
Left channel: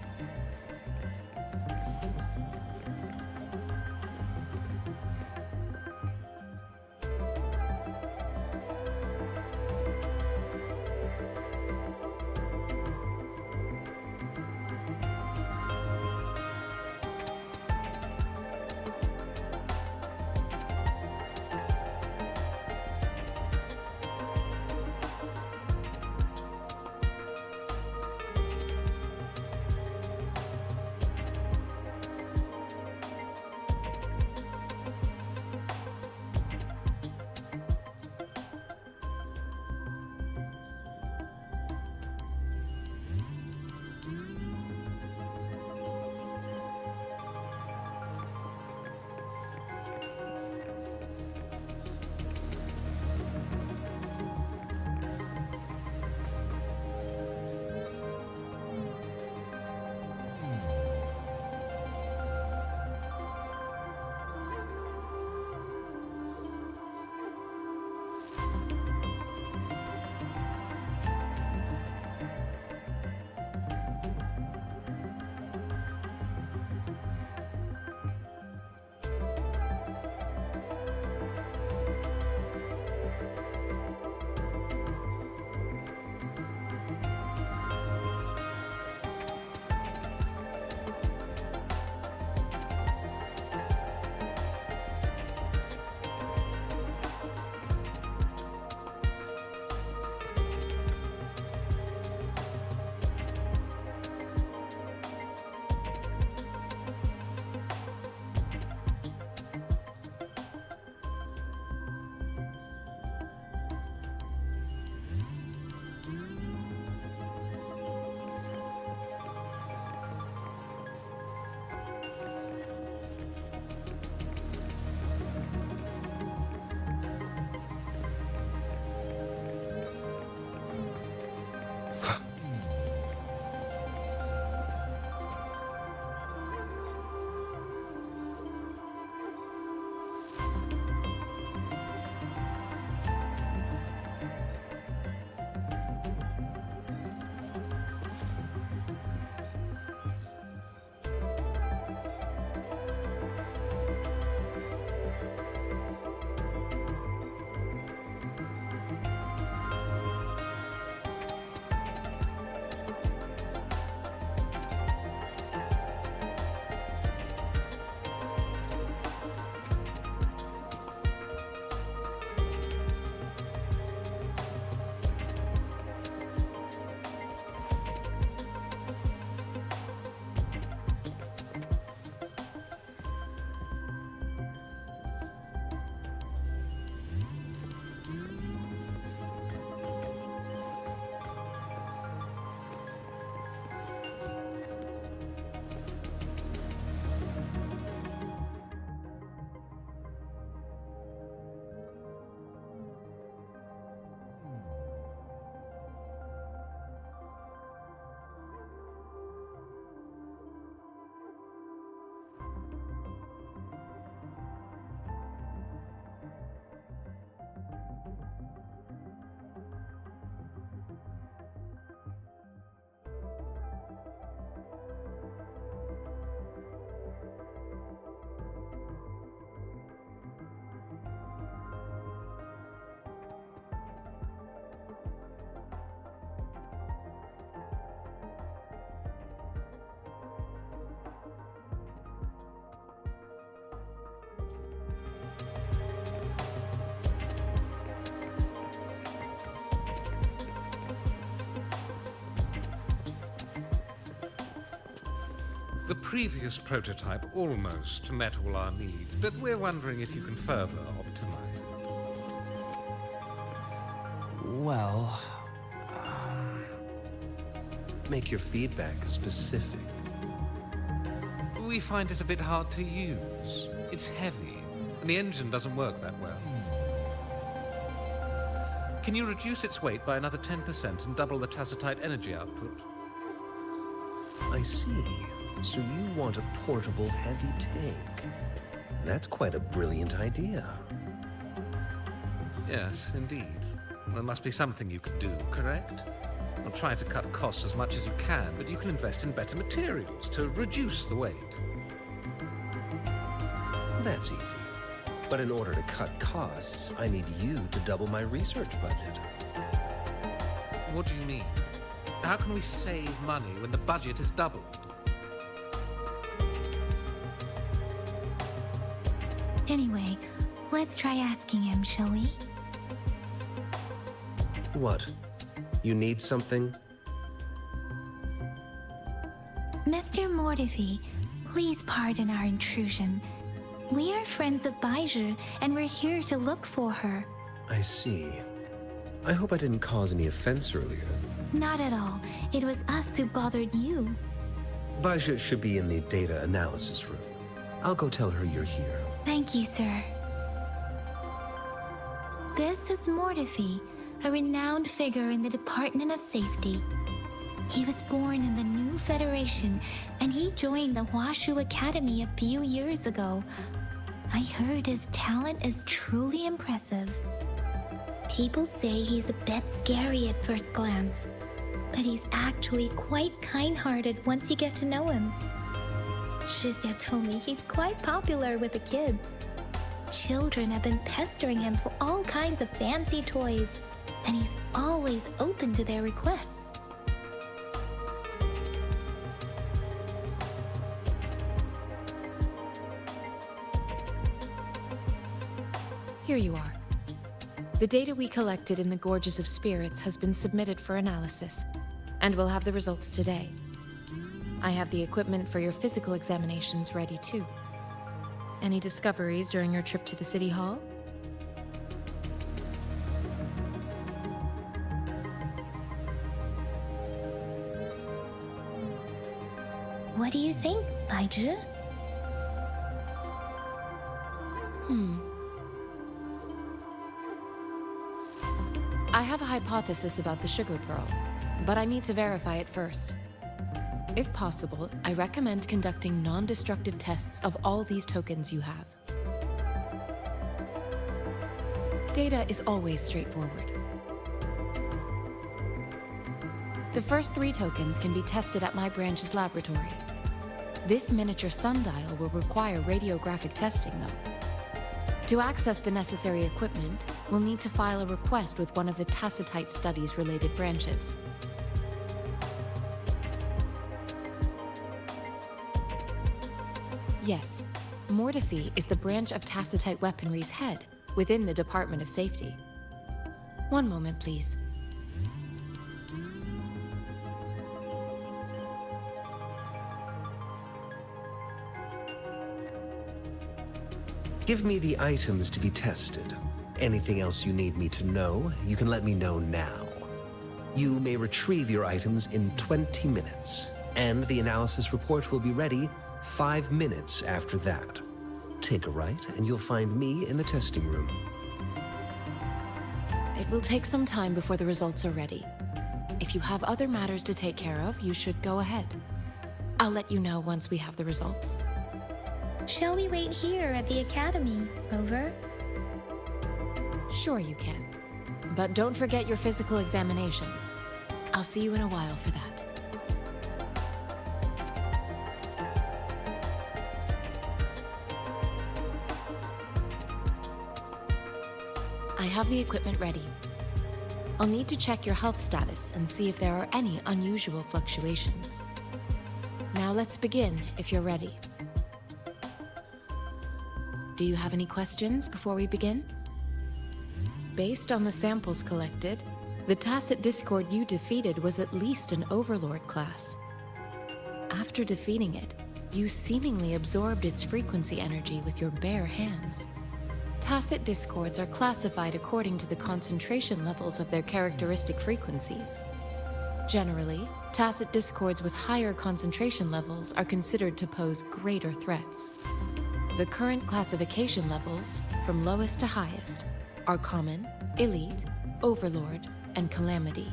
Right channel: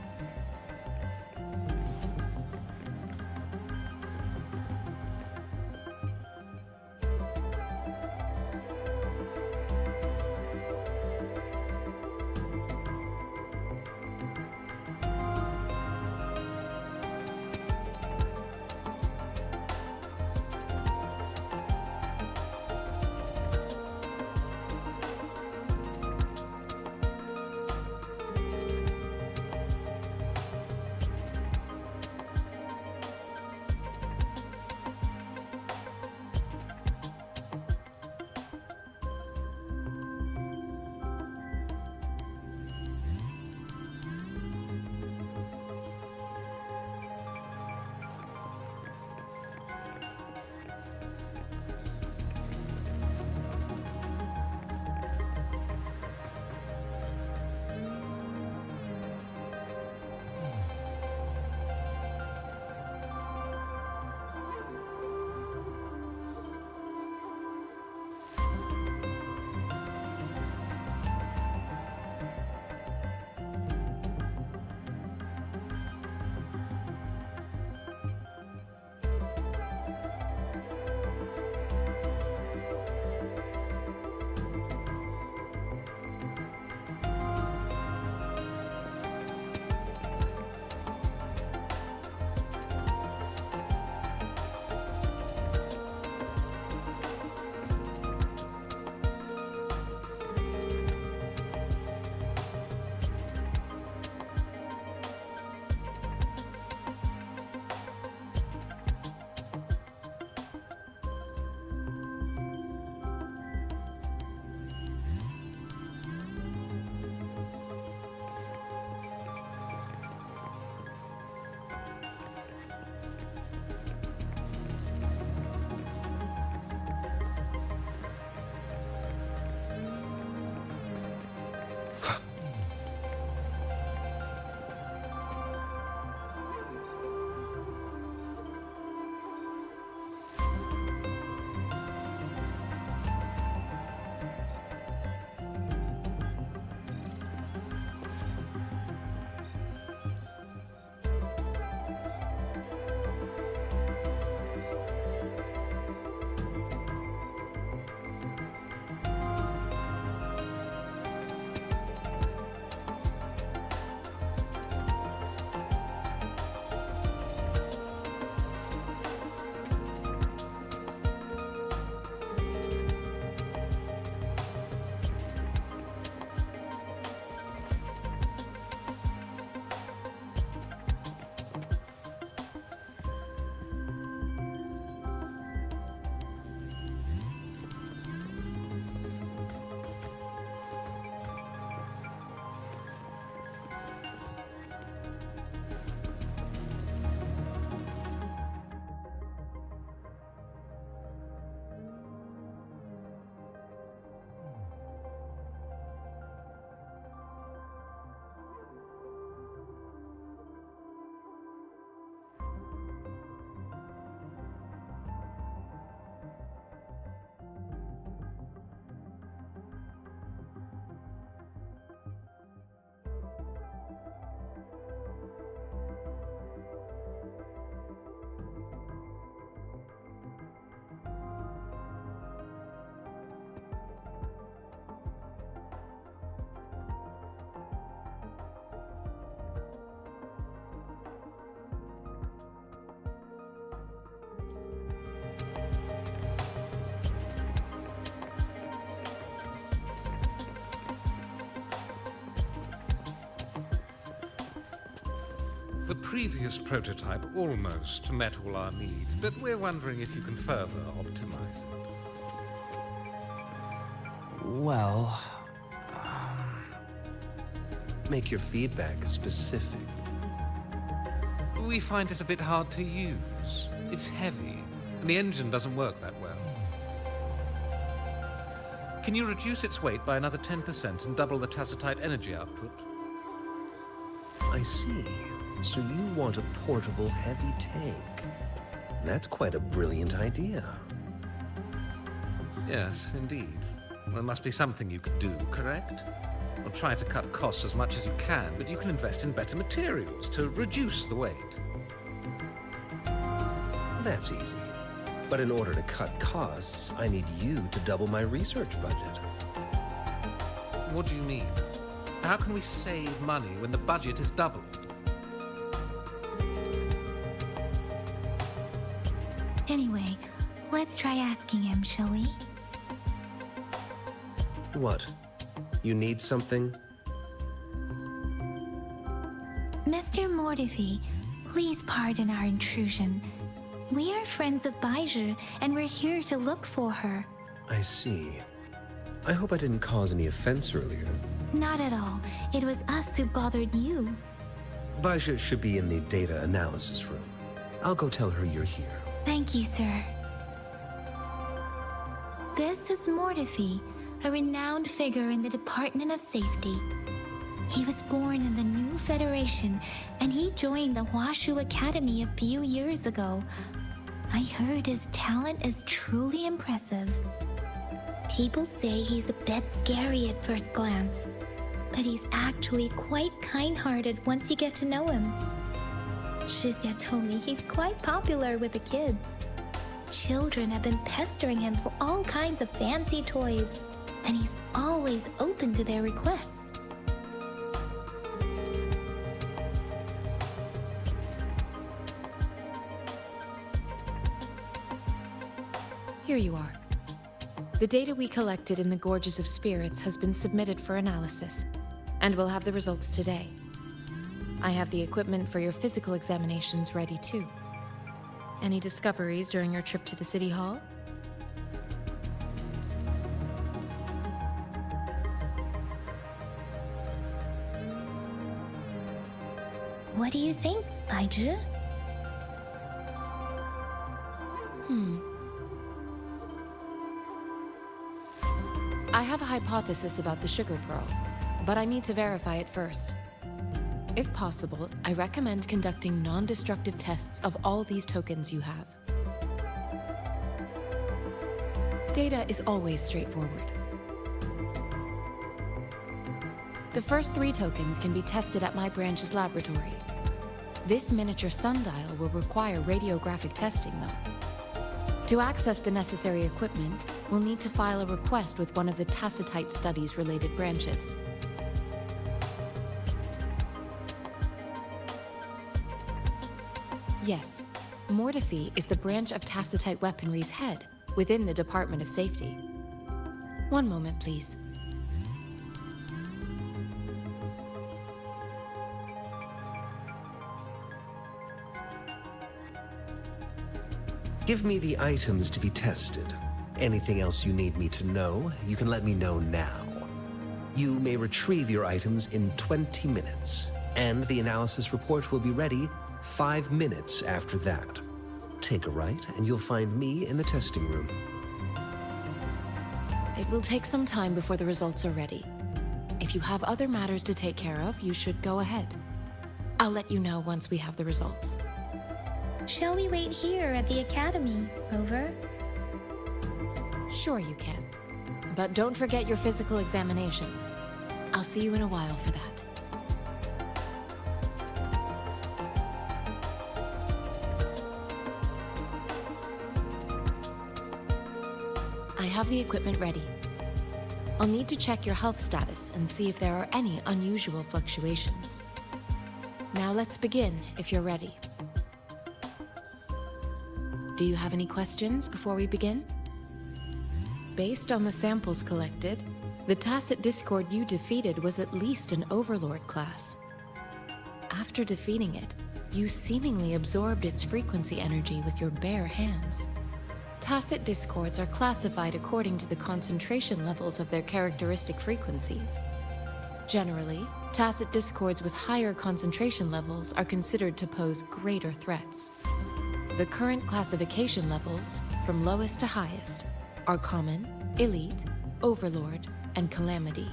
The previous prototype almost met all our needs, but we're wondering if you can further optimize it. Well, make your feedback specific. We find it a bit hard to use. It's heavy, and the engine doesn't work that well. Can you reduce its weight by another 10% and double the Tacetite energy output? I see. So you want a portable heavy tank. That's quite a brilliant idea. Yes, indeed. There must be something you could do, correct? Well, try to cut costs as much as you can, but you can invest in better materials to reduce the weight. That's easy. But in order to cut costs, I need you to double my research budget. What do you mean? How can we save money when the budget is doubled? Anyway, let's try asking him, shall we? What? You need something? Mr. Mortefi, please pardon our intrusion. We are friends of Baizhi, and we're here to look for her. I see. I hope I didn't cause any offense earlier. Not at all. It was us who bothered you. Baizhi should be in the data analysis room. I'll go tell her you're here. Thank you, sir. This is Mortefi, a renowned figure in the Department of Safety. He was born in the new Federation, and he joined the Huaxu Academy a few years ago. I heard his talent is truly impressive. People say he's a bit scary at first glance, but he's actually quite kind-hearted once you get to know him. Chixia told me he's quite popular with the kids. Children have been pestering him for all kinds of fancy toys, and he's always open to their requests. Here you are. The data we collected in the Gorges of Spirits has been submitted for analysis, and we'll have the results today. I have the equipment for your physical examinations ready too. Any discoveries during your trip to the City Hall? What do you think, Baizhi? I have a hypothesis about the sugar pearl, but I need to verify it first. If possible, I recommend conducting non-destructive tests of all these tokens you have. Data is always straightforward. The first 3 tokens can be tested at my branch's laboratory. This miniature sundial will require radiographic testing, though. To access the necessary equipment, we'll need to file a request with one of the Tacetite studies-related branches. Yes, Mortefi is the branch of Tacetite weaponry's head within the Department of Safety. One moment, please. Give me the items to be tested. Anything else you need me to know, you can let me know now. You may retrieve your items in 20 minutes, and the analysis report will be ready 5 minutes after that. Take a right, and you'll find me in the testing room. It will take some time before the results are ready. If you have other matters to take care of, you should go ahead. I'll let you know once we have the results. Shall we wait here at the Academy, Rover? Sure you can. But don't forget your physical examination. I'll see you in a while for that. I have the equipment ready. I'll need to check your health status and see if there are any unusual fluctuations. Now let's begin, if you're ready. Do you have any questions before we begin? Based on the samples collected, the Tacet Discord you defeated was at least an Overlord class. After defeating it, You seemingly absorbed its frequency energy with your bare hands. Tacet discords are classified according to the concentration levels of their characteristic frequencies. Generally, tacet discords with higher concentration levels are considered to pose greater threats. The current classification levels, from lowest to highest, are Common, Elite, Overlord, and Calamity.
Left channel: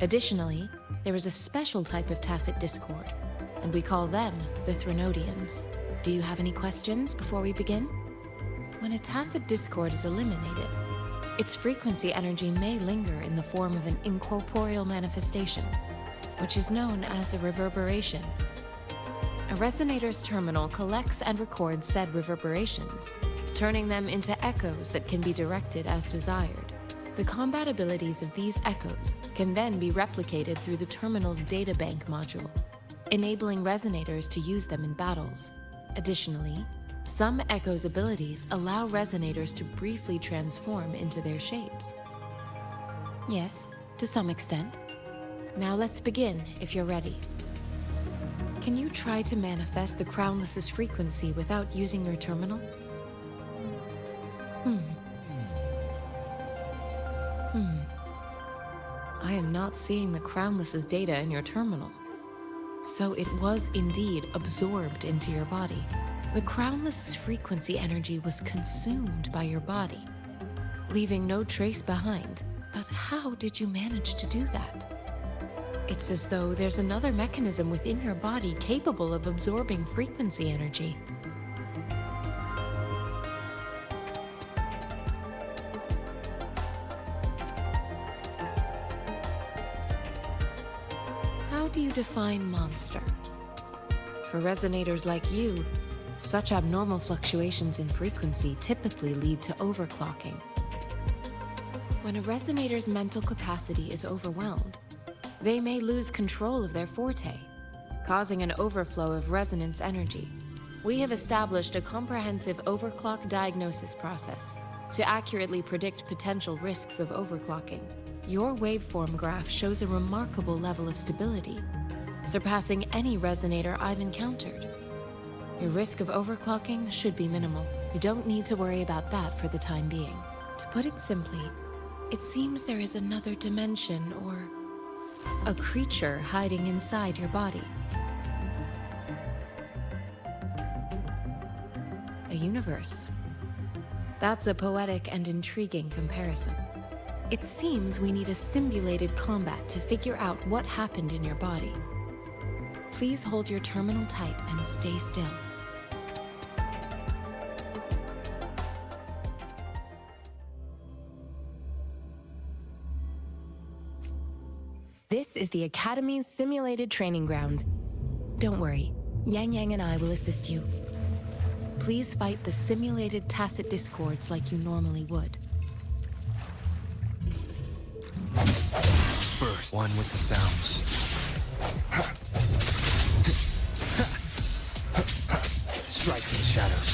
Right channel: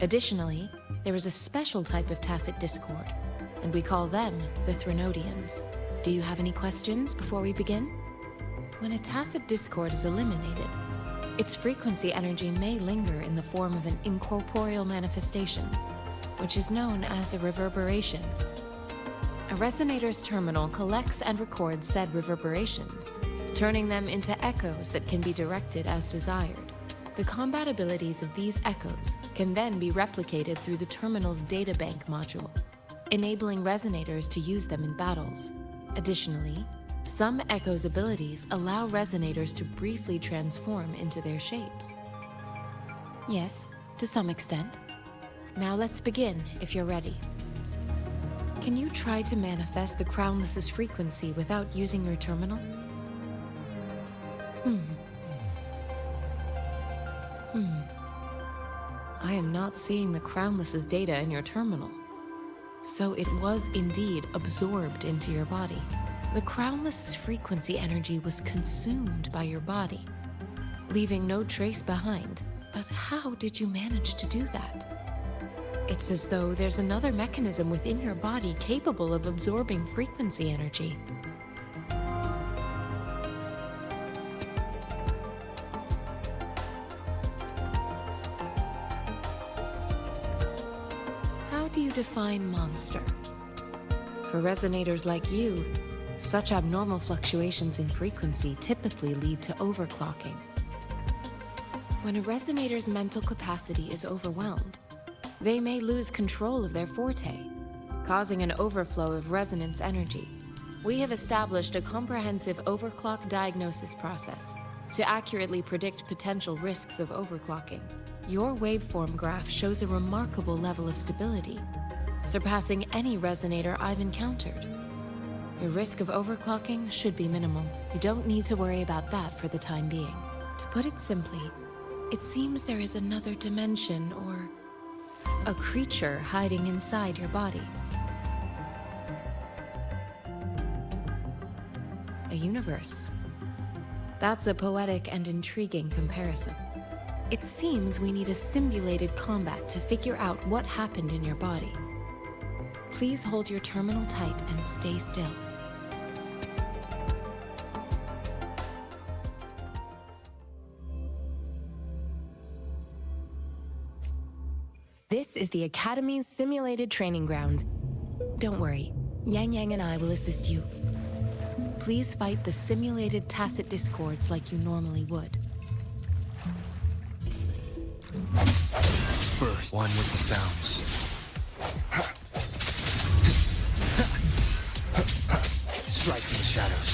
Additionally, there is a special type of tacet discord, and we call them the Threnodians. Do you have any questions before we begin? When a tacet discord is eliminated, its frequency energy may linger in the form of an incorporeal manifestation, which is known as a reverberation. A resonator's terminal collects and records said reverberations, turning them into echoes that can be directed as desired. The combat abilities of these echoes can then be replicated through the terminal's databank module, enabling resonators to use them in battles. Additionally, some echoes' abilities allow resonators to briefly transform into their shapes. Yes, to some extent. Now let's begin, if you're ready. Can you try to manifest the Crownless's frequency without using your terminal? I am not seeing the Crownless's data in your terminal. So it was indeed absorbed into your body. The Crownless's frequency energy was consumed by your body, leaving no trace behind. But how did you manage to do that? It's as though there's another mechanism within your body capable of absorbing frequency energy. How do you define monster? For resonators like you, such abnormal fluctuations in frequency typically lead to overclocking. When a resonator's mental capacity is overwhelmed, they may lose control of their forte, causing an overflow of resonance energy. We have established a comprehensive overclock diagnosis process to accurately predict potential risks of overclocking. Your waveform graph shows a remarkable level of stability, surpassing any resonator I've encountered. Your risk of overclocking should be minimal. You don't need to worry about that for the time being. To put it simply, it seems there is another dimension or a creature hiding inside your body. A universe. That's a poetic and intriguing comparison. It seems we need a simulated combat to figure out what happened in your body. Please hold your terminal tight and stay still. This is the Academy's simulated training ground. Don't worry, Yang Yang and I will assist you. Please fight the simulated tacet discords like you normally would. First, one with the sounds. Strike from the shadows.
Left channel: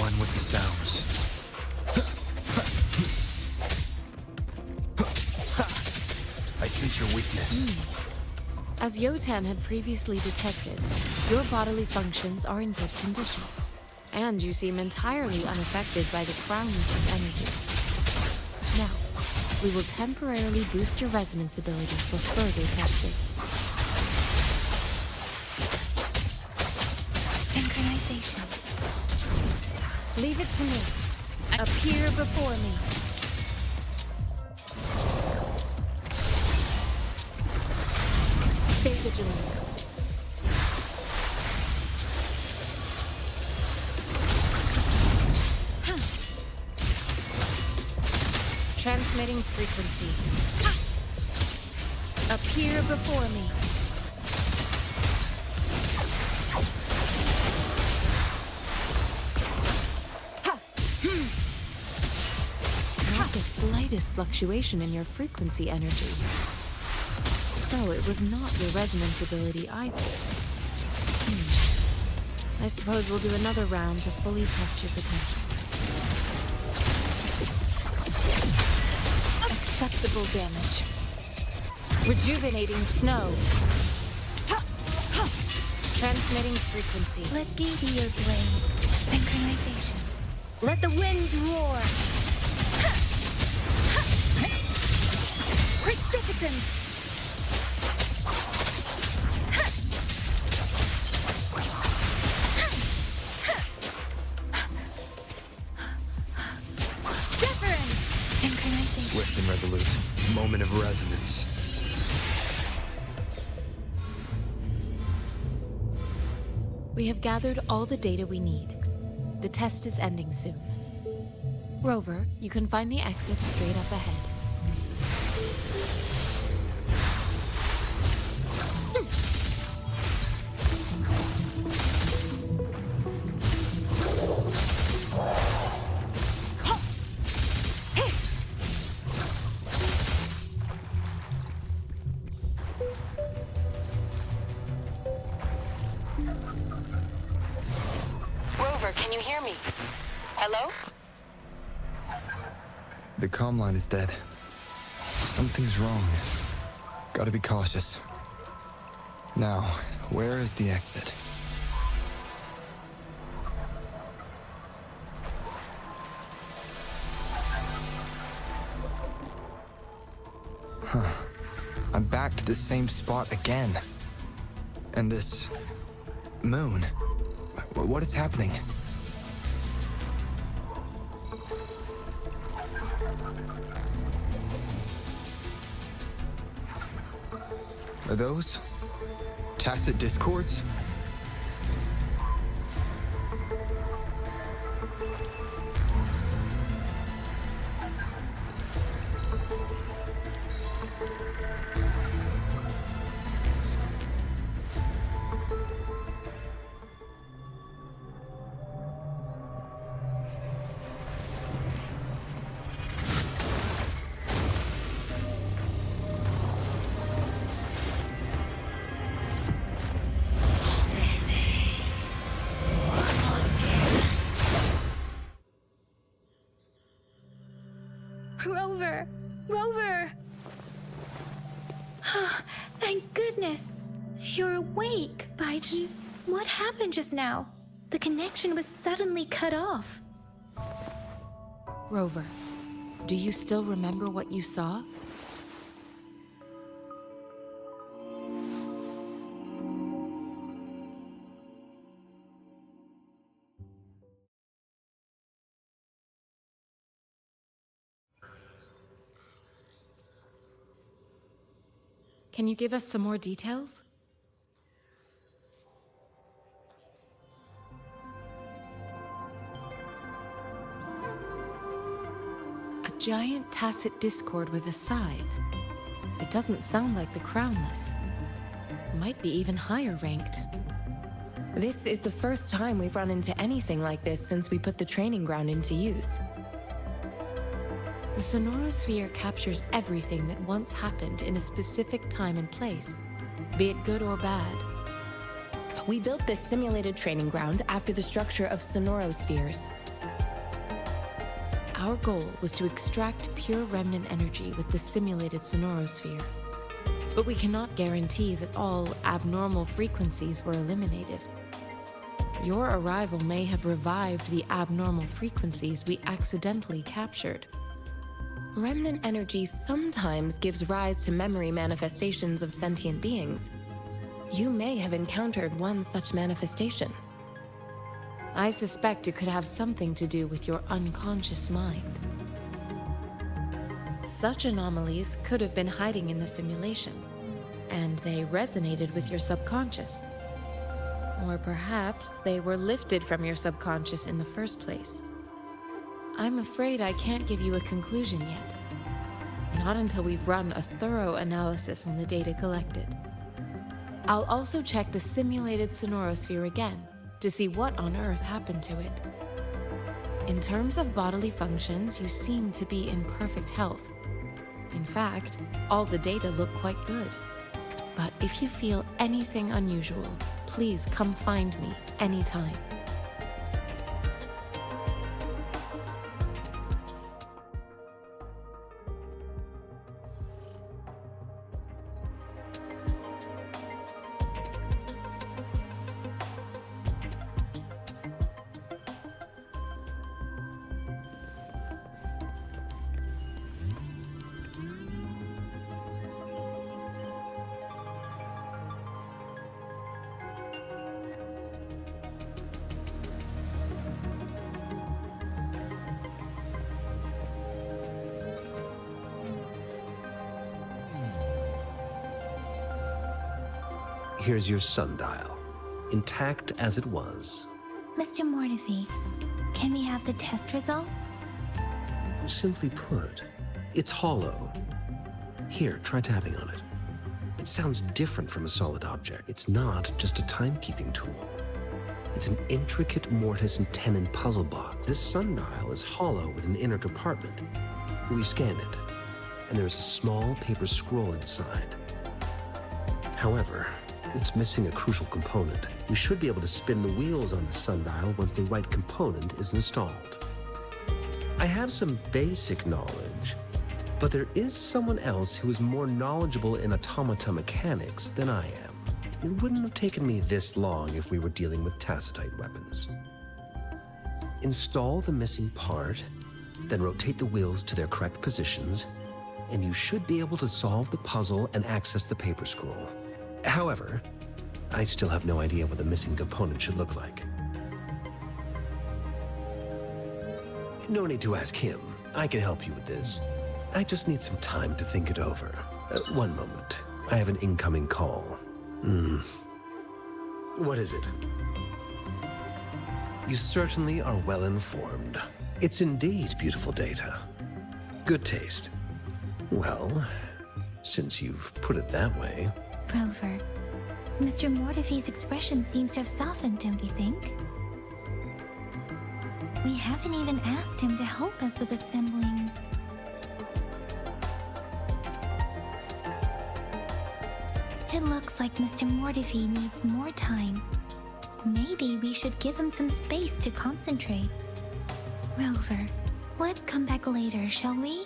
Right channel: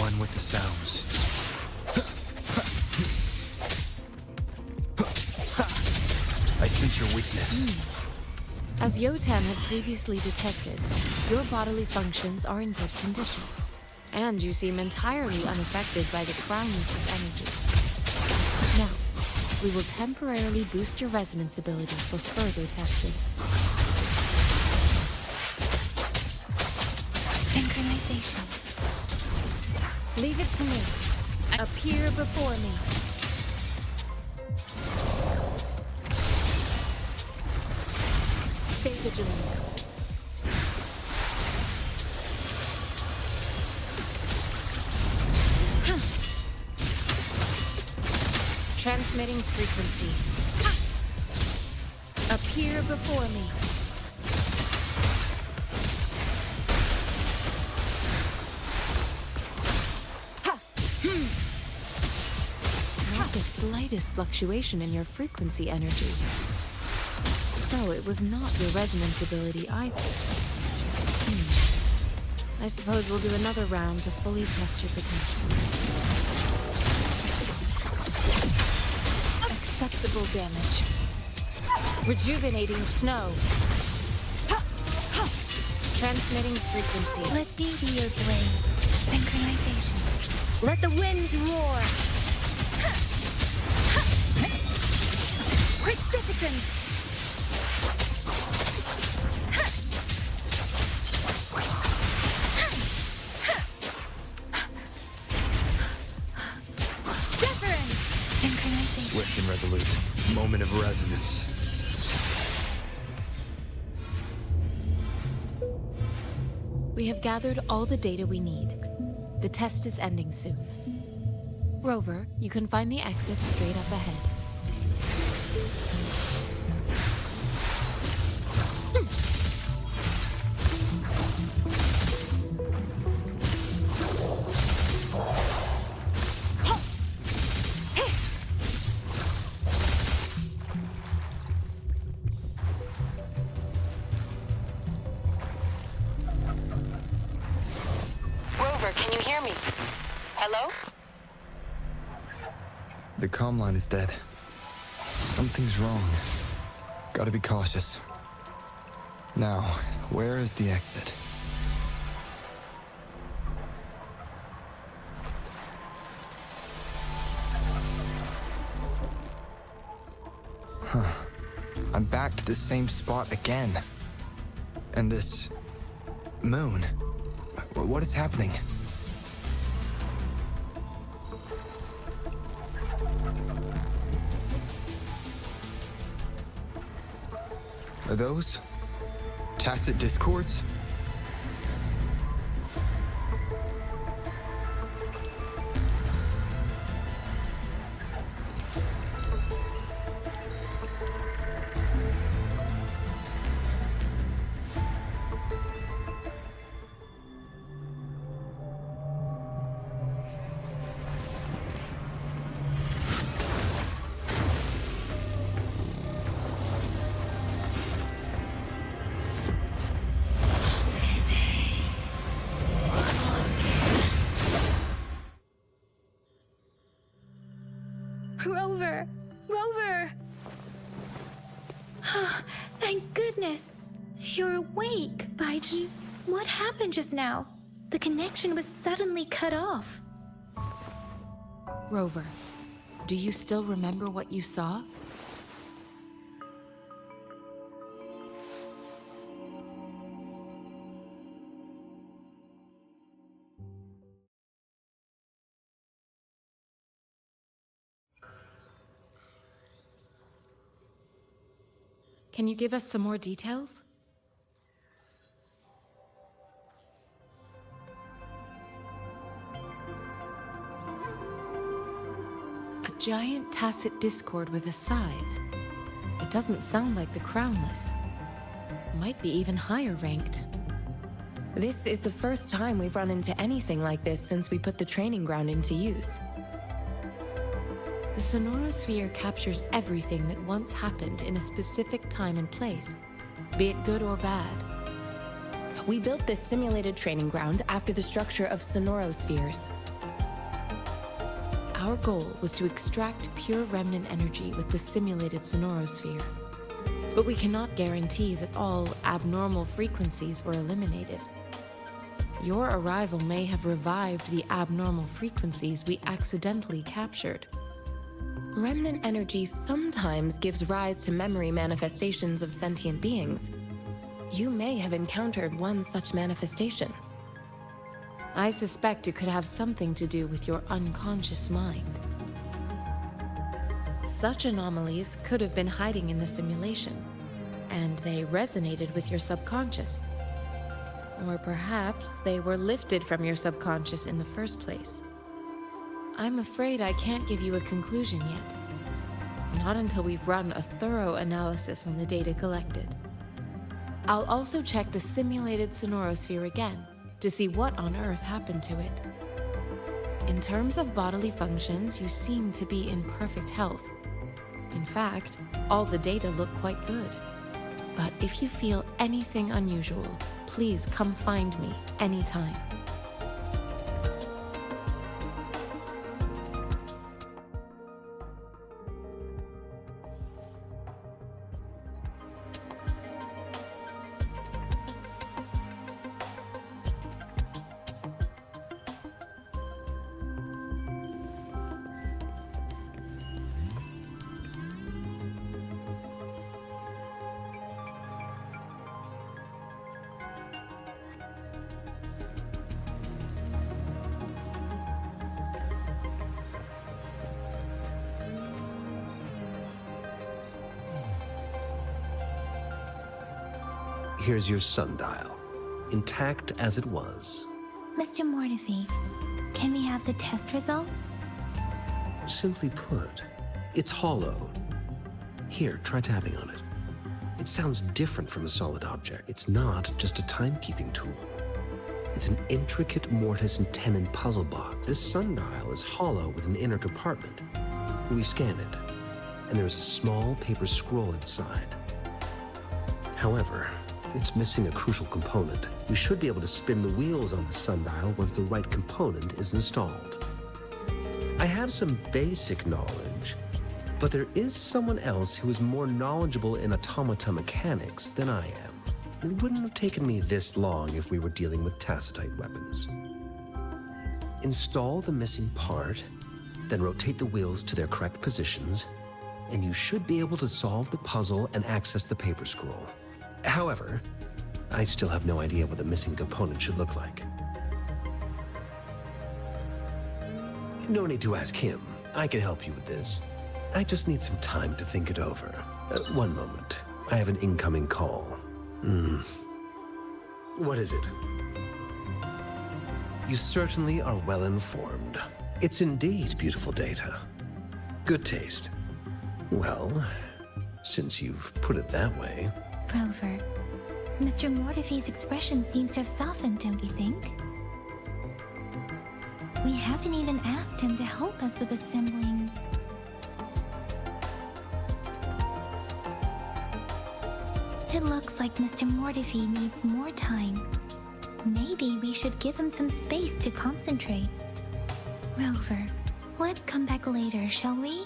One with the sounds. I sense your weakness. As Yotan had previously detected, your bodily functions are in good condition, and you seem entirely unaffected by the Crownless's energy. Now, we will temporarily boost your resonance ability for further testing. Synchronization. Leave it to me. Appear before me. Stay vigilant. Transmitting frequency. Appear before me. Not the slightest fluctuation in your frequency energy. So it was not your resonance ability either. I suppose we'll do another round to fully test your potential. Acceptable damage. Rejuvenating snow. Transmitting frequency. Let me be your blade. Synchronization. Let the winds roar. Precipitance. Swift and resolute. Moment of resonance. We have gathered all the data we need. The test is ending soon. Rover, you can find the exit straight up ahead. Rover, can you hear me? Hello? The comm line is dead. Something's wrong. Gotta be cautious. Now, where is the exit? Huh. I'm back to the same spot again. And this... moon. What is happening? Are those Tacet discords? Rover! Rover! Thank goodness! You're awake, Baizhi. What happened just now? The connection was suddenly cut off. Rover, do you still remember what you saw? Can you give us some more details? A giant Tacet discord with a scythe. It doesn't sound like the Crownless. Might be even higher ranked. This is the first time we've run into anything like this since we put the training ground into use. The sonorosphere captures everything that once happened in a specific time and place, be it good or bad. We built this simulated training ground after the structure of sonorospheres. Our goal was to extract pure remnant energy with the simulated sonorosphere. But we cannot guarantee that all abnormal frequencies were eliminated. Your arrival may have revived the abnormal frequencies we accidentally captured. Remnant energy sometimes gives rise to memory manifestations of sentient beings. You may have encountered one such manifestation. I suspect it could have something to do with your unconscious mind. Such anomalies could have been hiding in the simulation, and they resonated with your subconscious. Or perhaps they were lifted from your subconscious in the first place. I'm afraid I can't give you a conclusion yet. Not until we've run a thorough analysis on the data collected. I'll also check the simulated sonorosphere again to see what on earth happened to it. In terms of bodily functions, you seem to be in perfect health. In fact, all the data look quite good. But if you feel anything unusual, please come find me anytime. Here's your sundial, intact as it was. Mr. Mortefi, can we have the test results? Simply put, it's hollow. Here, try tapping on it. It sounds different from a solid object. It's not just a timekeeping tool. It's an intricate mortise and tenon puzzle box. This sundial is hollow with an inner compartment. We scanned it, and there is a small paper scroll inside. However, it's missing a crucial component. We should be able to spin the wheels on the sundial once the right component is installed. I have some basic knowledge, but there is someone else who is more knowledgeable in automata mechanics than I am. It wouldn't have taken me this long if we were dealing with Tacetite weapons. Install the missing part, then rotate the wheels to their correct positions, and you should be able to solve the puzzle and access the paper scroll. However, I still have no idea what the missing component should look like. No need to ask him. I can help you with this. I just need some time to think it over. One moment. I have an incoming call. What is it? You certainly are well informed. It's indeed beautiful data. Good taste. Well, since you've put it that way... Rover, Mr. Mortefi's expression seems to have softened, don't you think? We haven't even asked him to help us with assembling... It looks like Mr. Mortefi needs more time. Maybe we should give him some space to concentrate. Rover, let's come back later, shall we?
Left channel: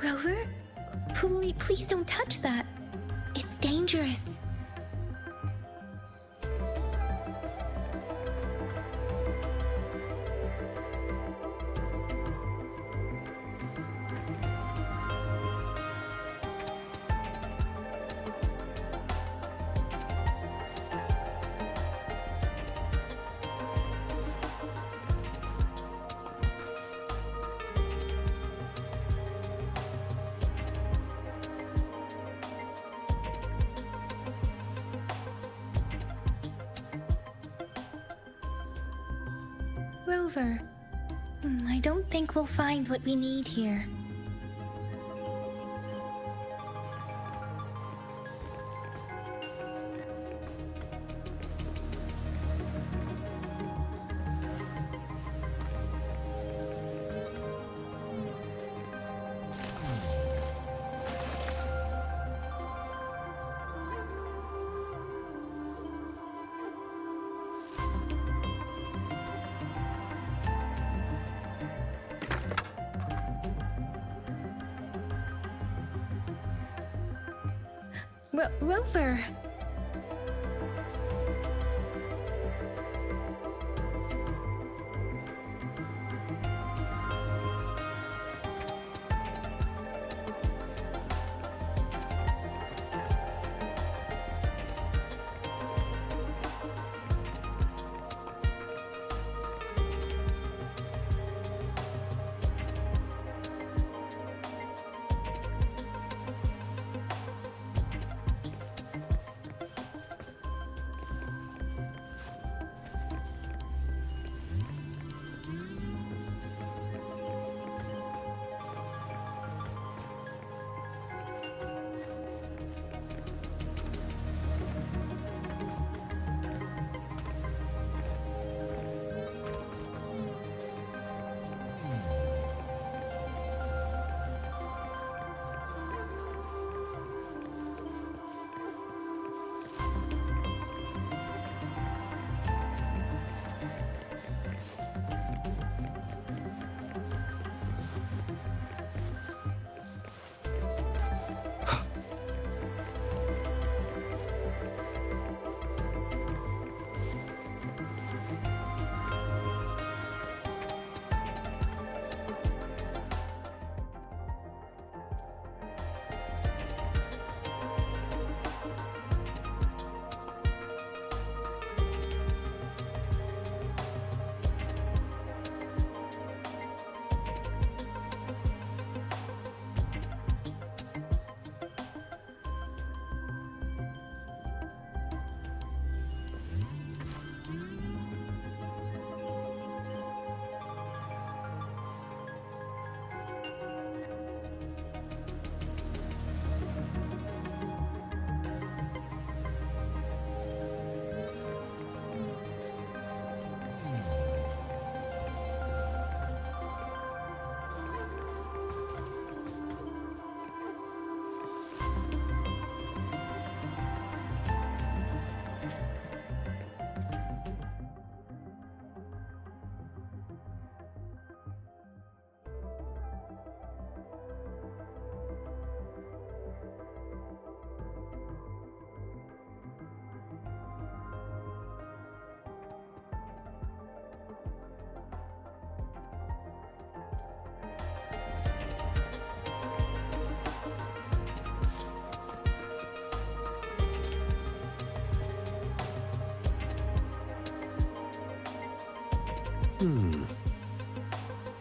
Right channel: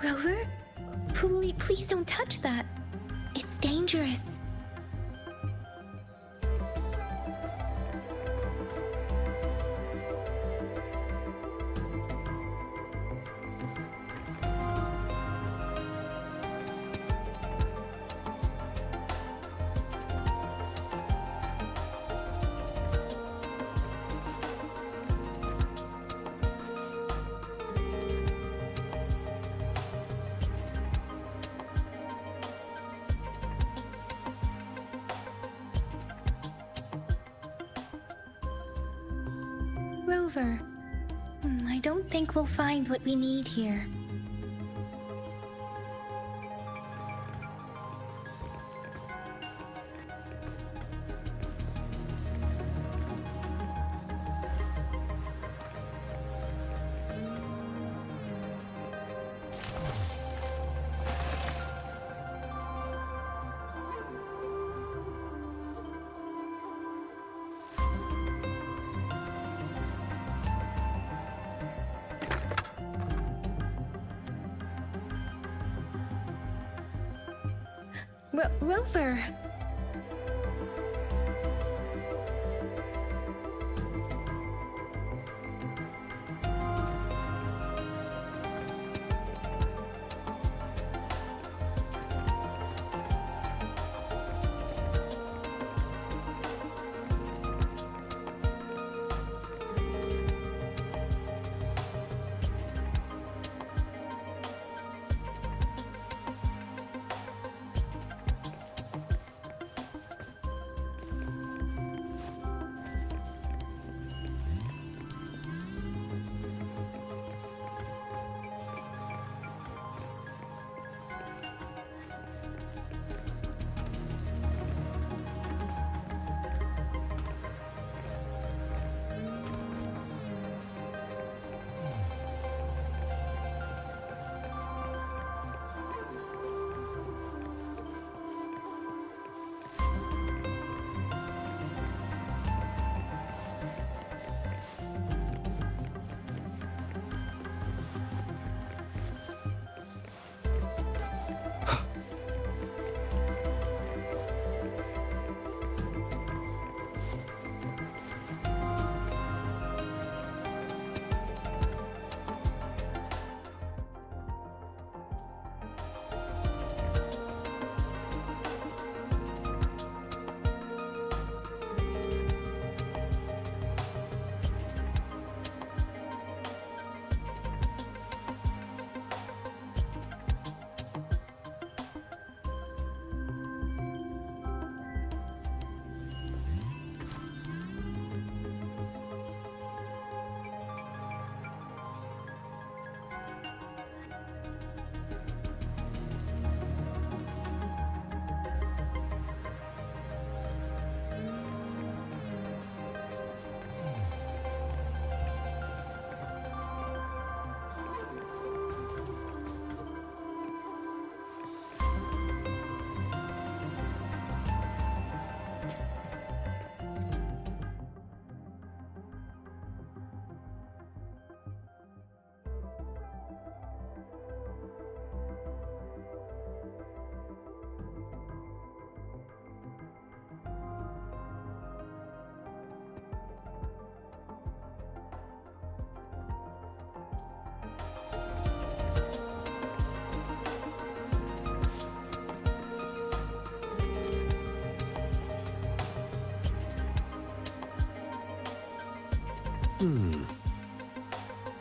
Rover? Please don't touch that. It's dangerous. Rover, I don't think we'll find what we need here. Rover!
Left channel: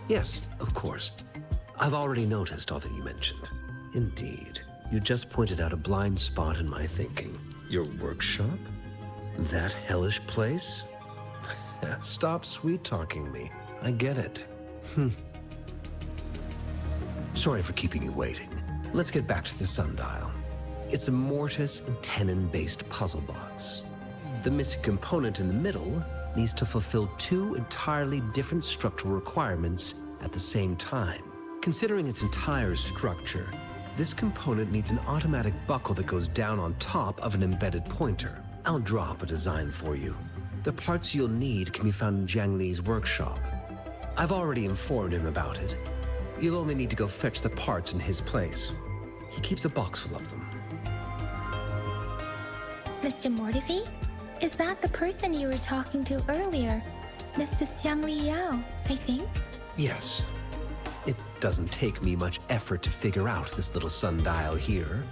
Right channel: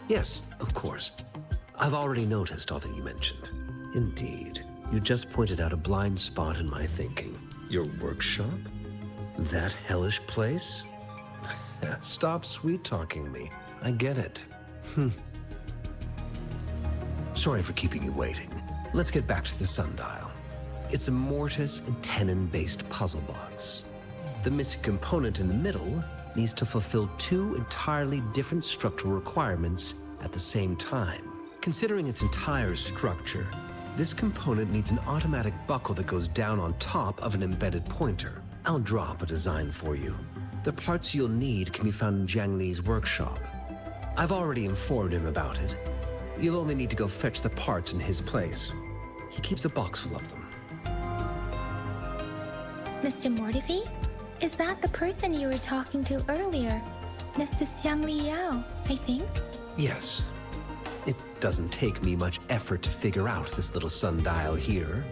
Yes, of course. I've already noticed all that you mentioned. Indeed. You just pointed out a blind spot in my thinking. Your workshop? That hellish place? Stop sweet-talking me. I get it. Sorry for keeping you waiting. Let's get back to the sundial. It's a mortise and tenon-based puzzle box. The missing component in the middle needs to fulfill two entirely different structural requirements at the same time. Considering its entire structure, this component needs an automatic buckle that goes down on top of an embedded pointer. I'll draw up a design for you. The parts you'll need can be found in Jiang Li's workshop. I've already informed him about it. You'll only need to go fetch the parts in his place. He keeps a box full of them. Mr. Mortefi? Is that the person you were talking to earlier? Mr. Xiang Liao, I think? Yes. It doesn't take me much effort to figure out this little sundial here.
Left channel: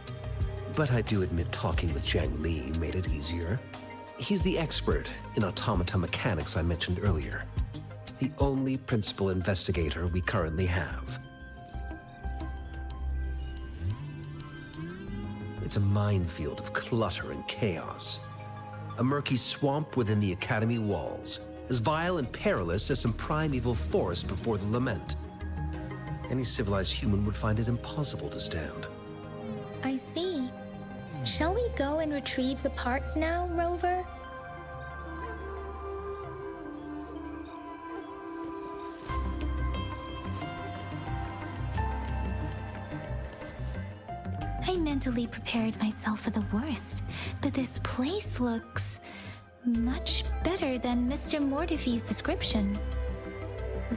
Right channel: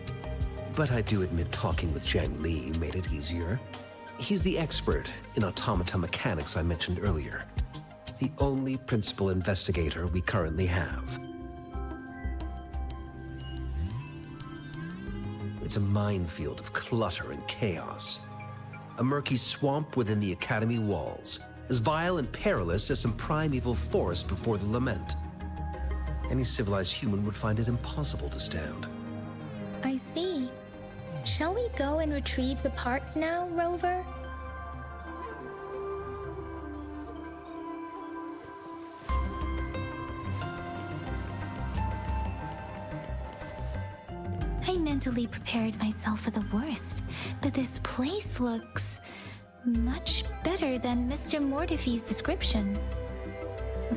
But I do admit talking with Jiang Li made it easier. He's the expert in automata mechanics I mentioned earlier. The only principal investigator we currently have. It's a minefield of clutter and chaos. A murky swamp within the Academy walls, as vile and perilous as some primeval forest before the lament. Any civilized human would find it impossible to stand. I see. Shall we go and retrieve the parts now, Rover? I mentally prepared myself for the worst, but this place looks much better than Mr. Mortefi's description.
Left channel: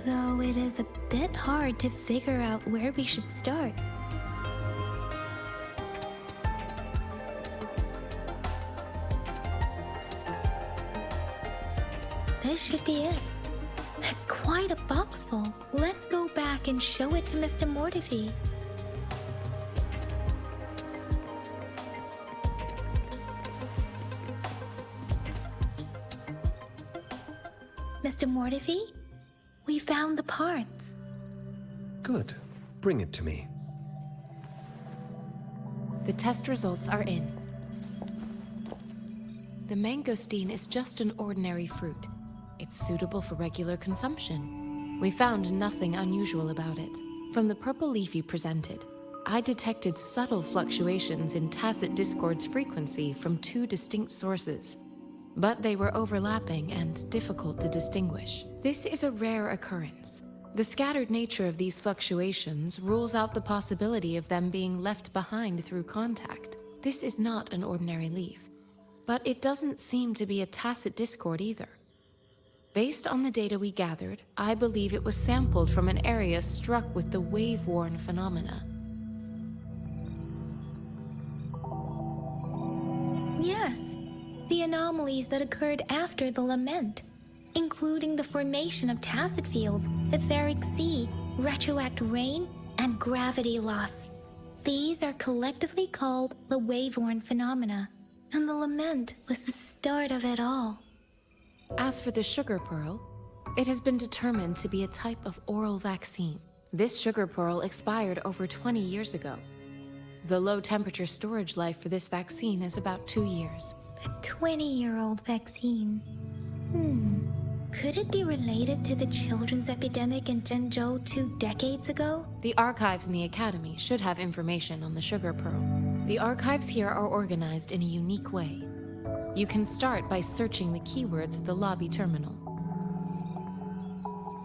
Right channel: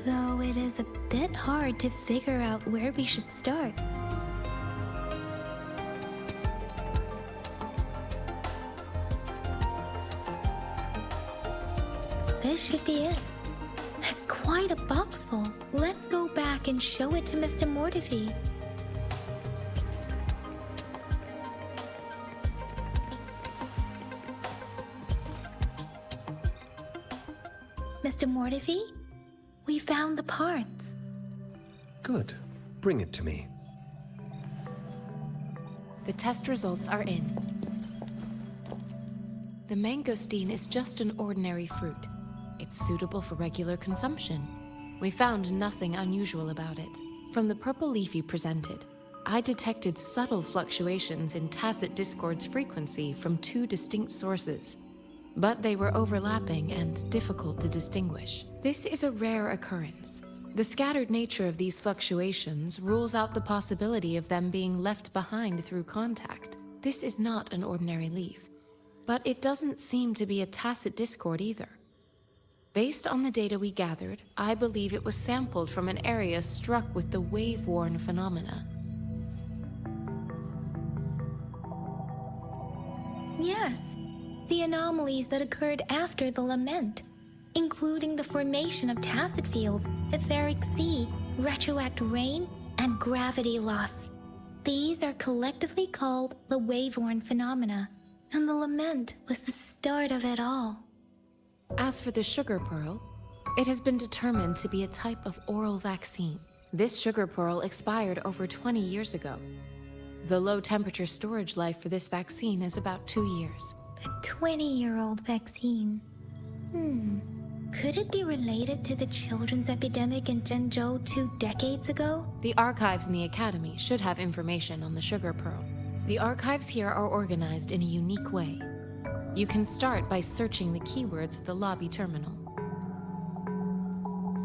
Though it is a bit hard to figure out where we should start. This should be it. It's quite a box full. Let's go back and show it to Mr. Mortefi. Mr. Mortefi, we found the parts. Good. Bring it to me. The test results are in. The mangosteen is just an ordinary fruit. It's suitable for regular consumption. We found nothing unusual about it. From the purple leaf you presented, I detected subtle fluctuations in Tacet discord's frequency from two distinct sources, but they were overlapping and difficult to distinguish. This is a rare occurrence. The scattered nature of these fluctuations rules out the possibility of them being left behind through contact. This is not an ordinary leaf, but it doesn't seem to be a Tacet discord either. Based on the data we gathered, I believe it was sampled from an area struck with the waveworn phenomena. Yes, the anomalies that occurred after the lament, including the formation of Tacet fields, etheric sea, retroact rain, and gravity loss. These are collectively called the waveworn phenomena, and the lament was the start of it all. As for the sugar pearl, it has been determined to be a type of oral vaccine. This sugar pearl expired over 20 years ago. The low temperature storage life for this vaccine is about 2 years. A 20-year-old vaccine. Could it be related to the children's epidemic in Jinzhou 2 decades ago? The archives in the Academy should have information on the sugar pearl. The archives here are organized in a unique way. You can start by searching the keywords at the lobby terminal.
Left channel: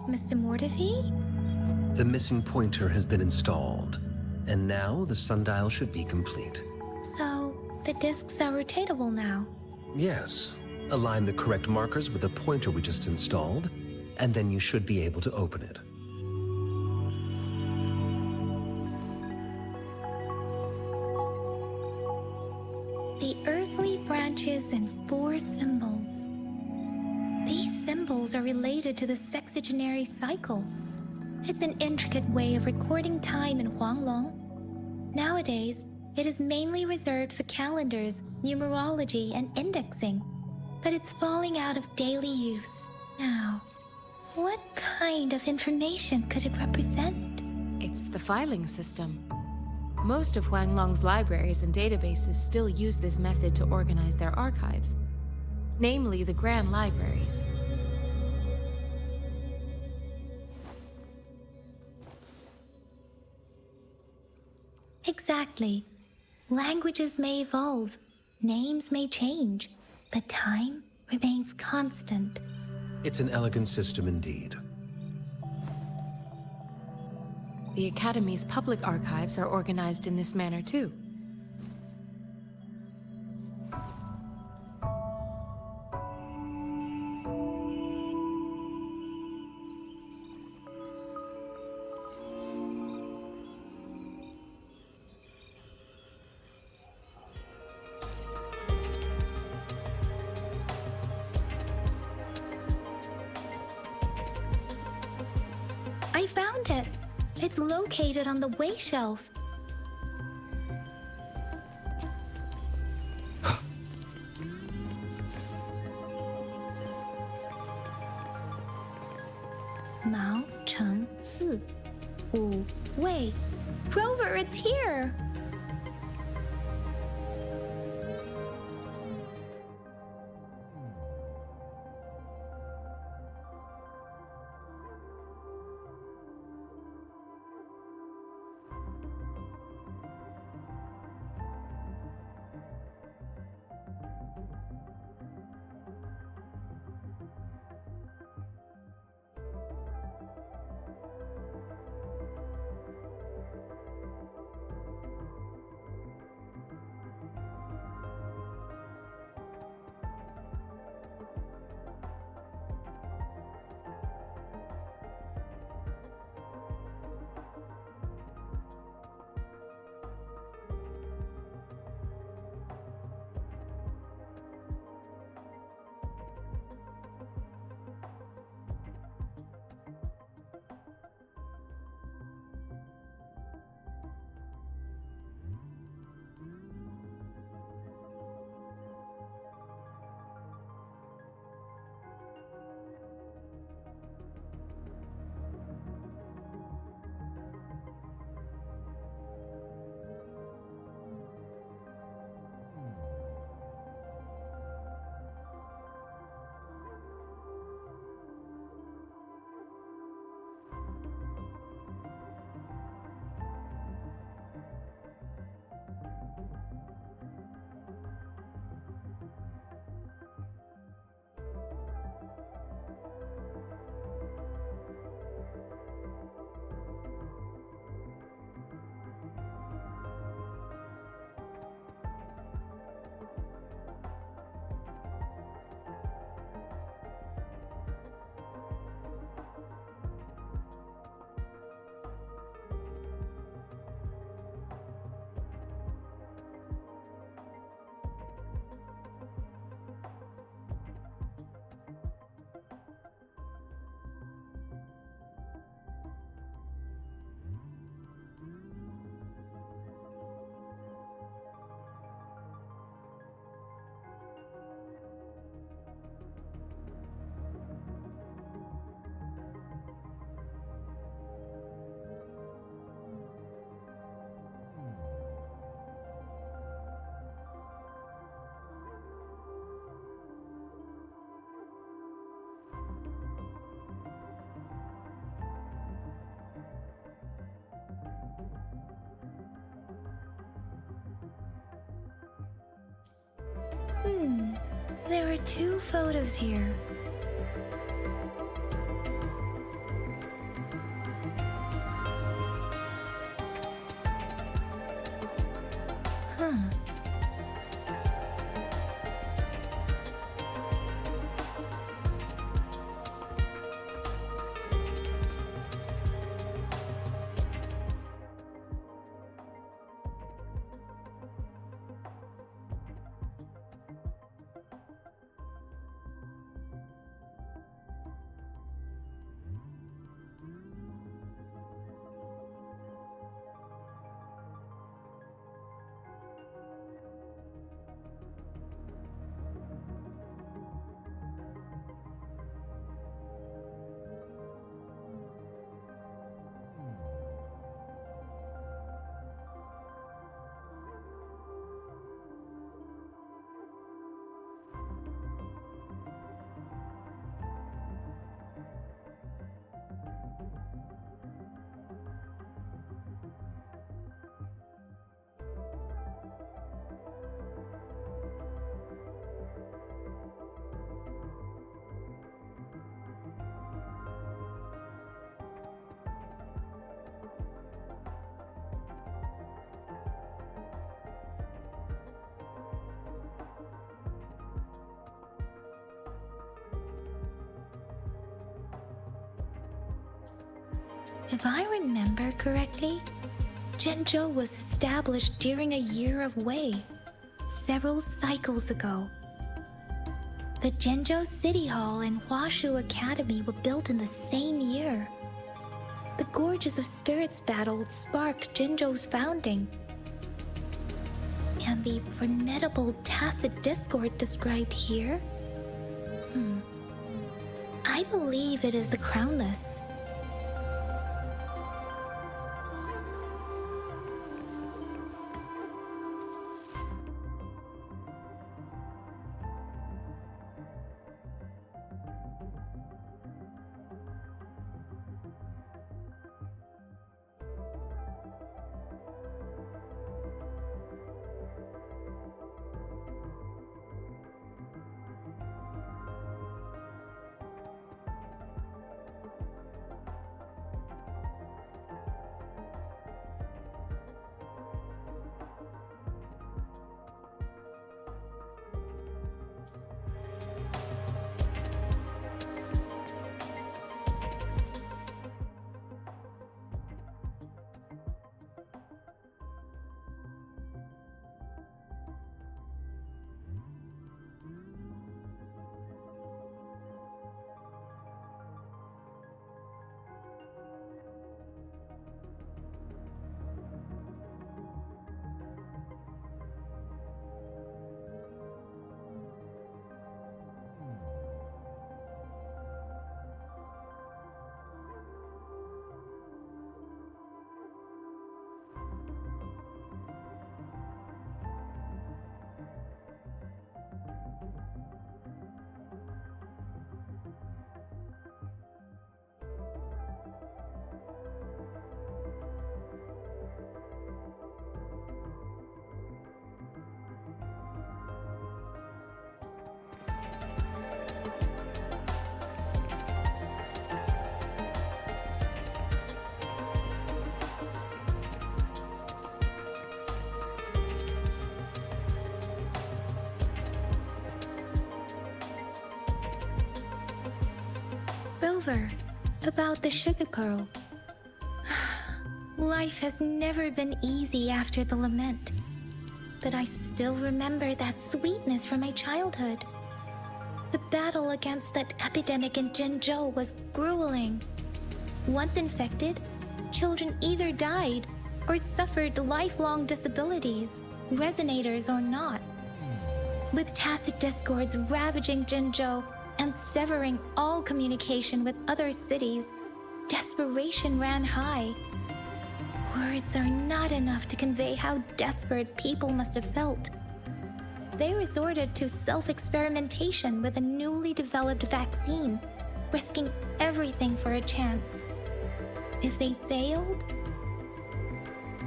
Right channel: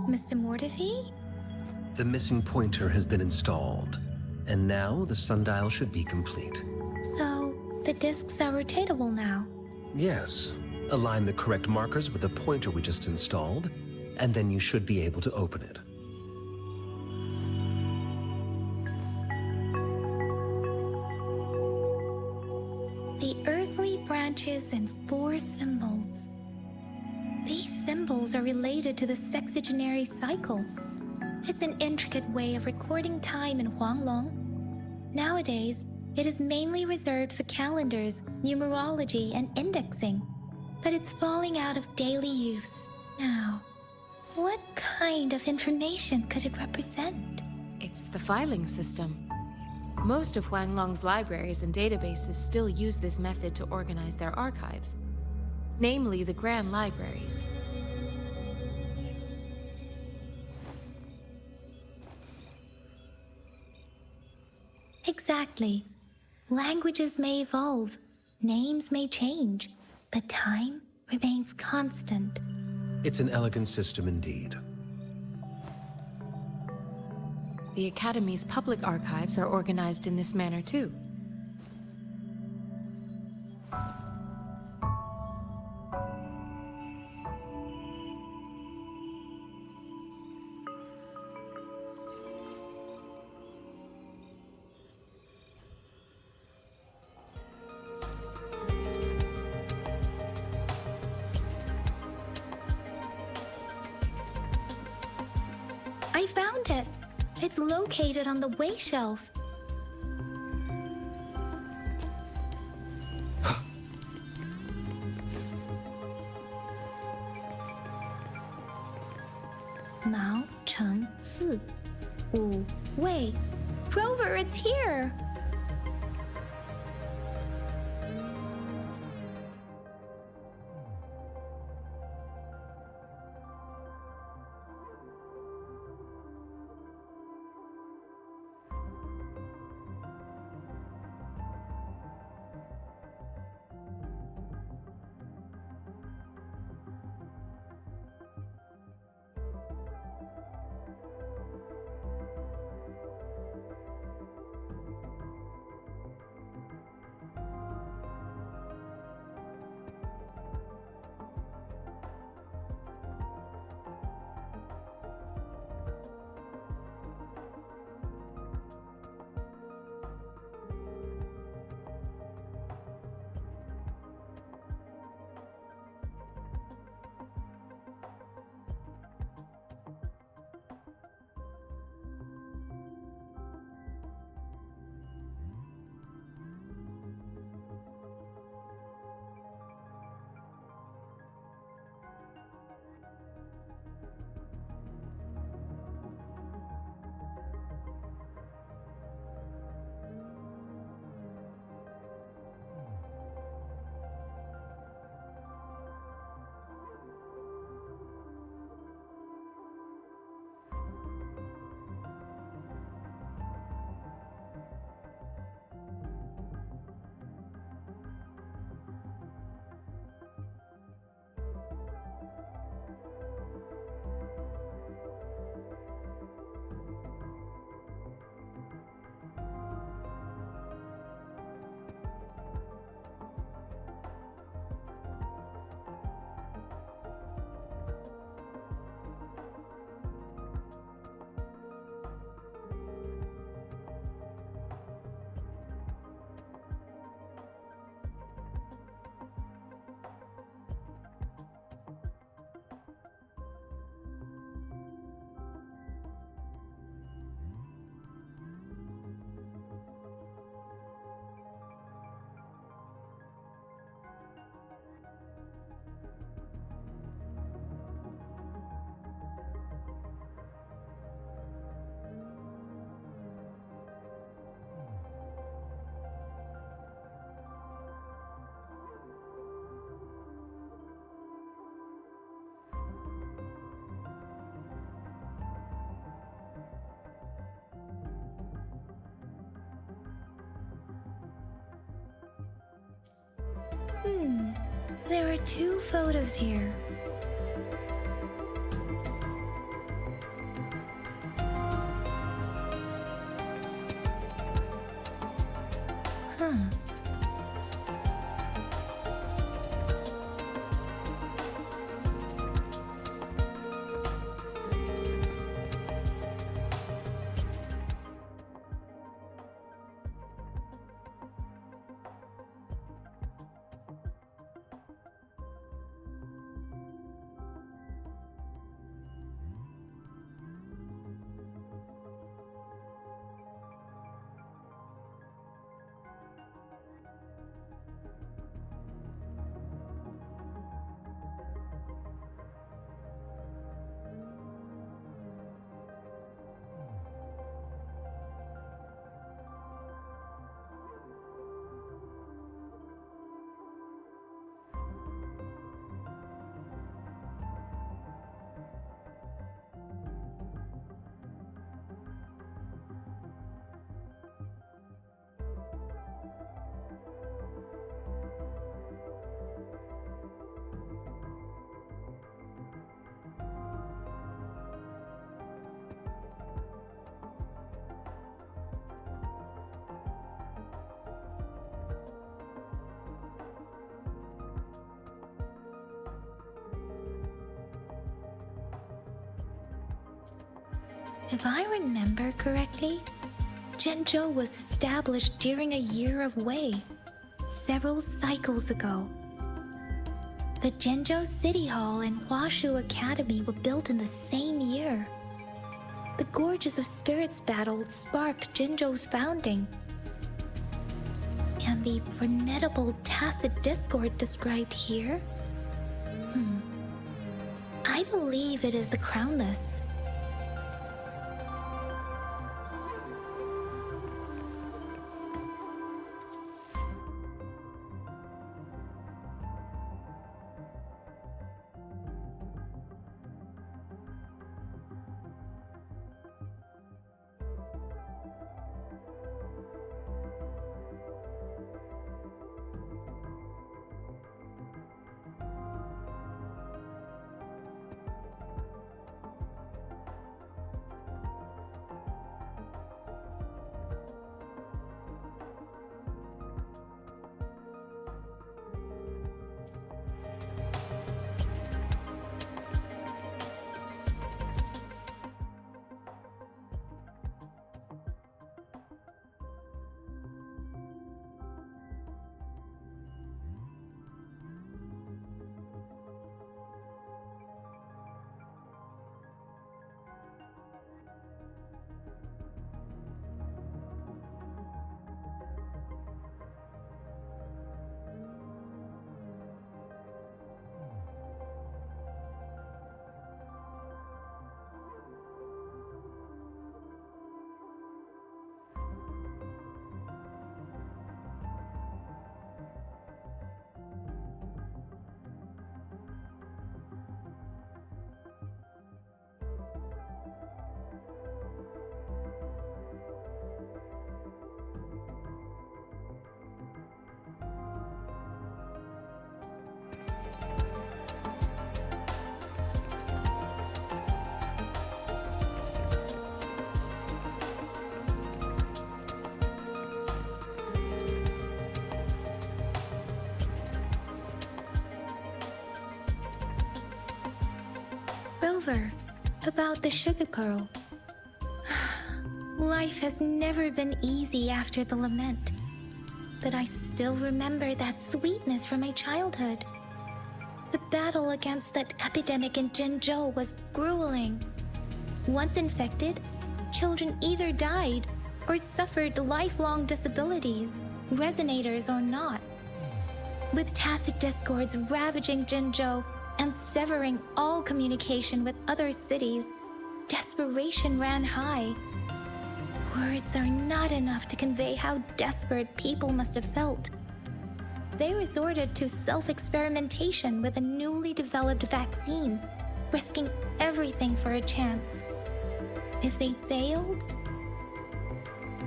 Mr. Mortefi? The missing pointer has been installed, and now the sundial should be complete. So, the discs are rotatable now? Yes. Align the correct markers with the pointer we just installed, and then you should be able to open it. The earthly branches and 4 symbols. These symbols are related to the Sexagenary cycle. It's an intricate way of recording time in Huanglong. Nowadays, it is mainly reserved for calendars, numerology, and indexing, but it's falling out of daily use. Now, What kind of information could it represent? It's the filing system. Most of Huanglong's libraries and databases still use this method to organize their archives, namely the Grand Libraries. Exactly. Languages may evolve, names may change, but time remains constant. It's an elegant system indeed. The Academy's public archives are organized in this manner too. I found it. It's located on the way shelf. Mao Cheng Si. Wu Wei. Rover, it's here! There are 2 photos here. Huh. If I remember correctly, Jinzhou was established during a year of Wei, several cycles ago. The Jinzhou City Hall and Huaxu Academy were built in the same year. The Gorges of Spirits battle sparked Jinzhou's founding. And the formidable Tacet discord described here? I believe it is the Crownless. Rover, about the sugar pearl. Life has never been easy after the lament, but I still remember that sweetness from my childhood. The battle against that epidemic in Jinzhou was grueling. Once infected, children either died or suffered lifelong disabilities, resonators or not. With Tacet discords ravaging Jinzhou and severing all communication with other cities, desperation ran high. Words are not enough to convey how desperate people must have felt. They resorted to self-experimentation with a newly developed vaccine, risking everything for a chance. If they failed,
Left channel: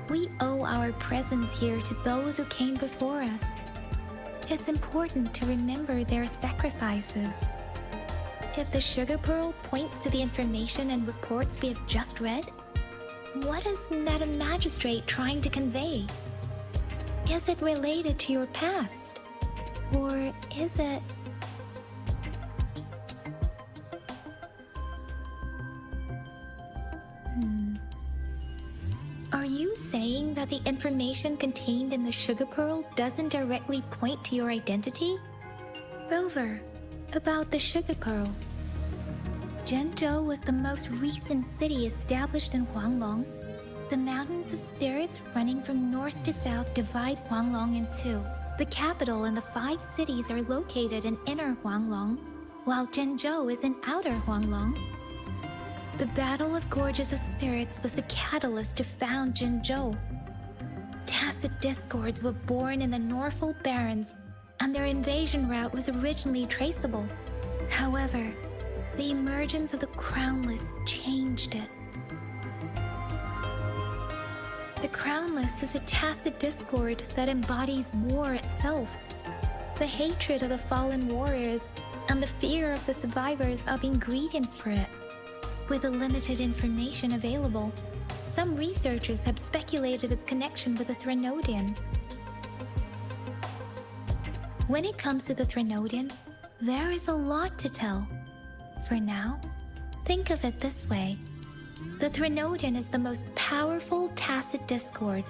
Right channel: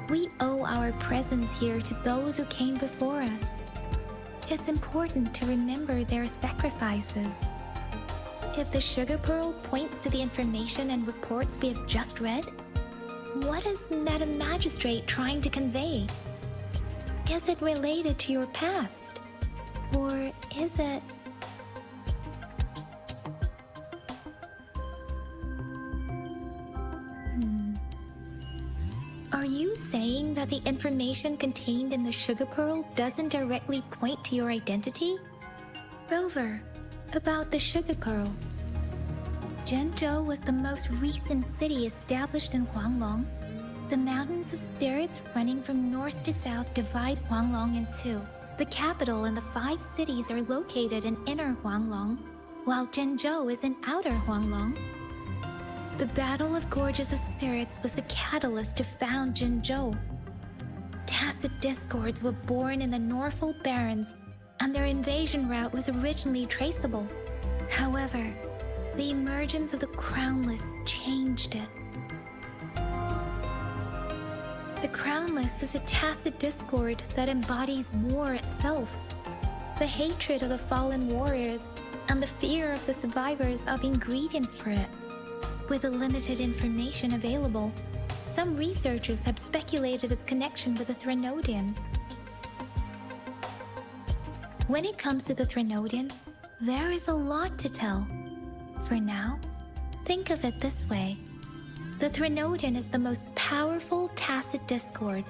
we owe our presence here to those who came before us. It's important to remember their sacrifices. If the sugar pearl points to the information and reports we have just read, what is Madam Magistrate trying to convey? Is it related to your past? Or is it... Are you saying that the information contained in the sugar pearl doesn't directly point to your identity? Rover, about the sugar pearl. Jinzhou was the most recent city established in Huanglong. The mountains of spirits running from north to south divide Huanglong in two. The capital and the 5 cities are located in inner Huanglong, while Jinzhou is in outer Huanglong. The Battle of Gorges of Spirits was the catalyst to found Jinzhou. Tacet discords were born in the Northful Barrens, and their invasion route was originally traceable. However, the emergence of the Crownless changed it. The Crownless is a Tacet discord that embodies war itself. The hatred of the fallen warriors and the fear of the survivors are the ingredients for it. With the limited information available, some researchers have speculated its connection with the Threnodian. When it comes to the Threnodian, there is a lot to tell. For now, think of it this way. The Threnodin is the most powerful Tacet discord.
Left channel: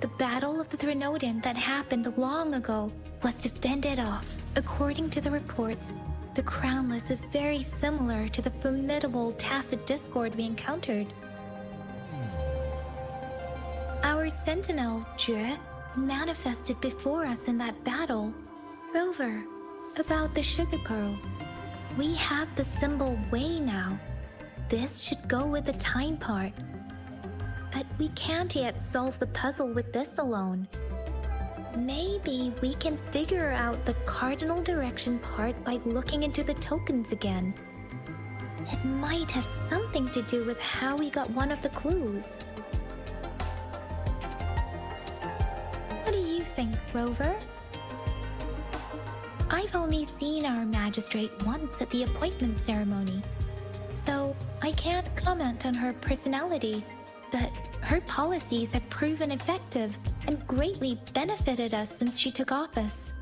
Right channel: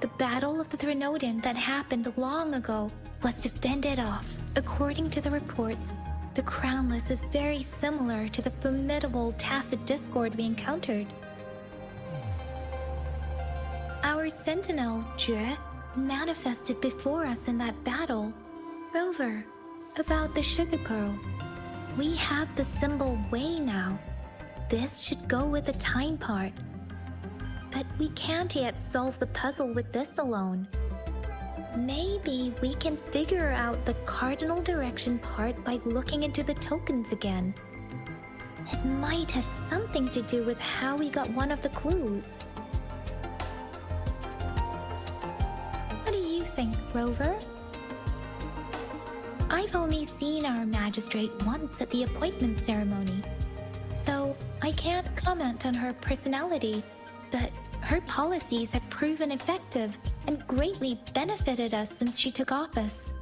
The Battle of the Threnodin that happened long ago was to fend it off. According to the reports, the Crownless is very similar to the formidable Tacet discord we encountered. Our sentinel, Jue, manifested before us in that battle. Rover, about the sugar pearl. We have the symbol Wei now. This should go with the time part. But we can't yet solve the puzzle with this alone. Maybe we can figure out the cardinal direction part by looking into the tokens again. It might have something to do with how we got one of the clues. What do you think, Rover? I've only seen our magistrate once at the appointment ceremony, so I can't comment on her personality, but her policies have proven effective and greatly benefited us since she took office.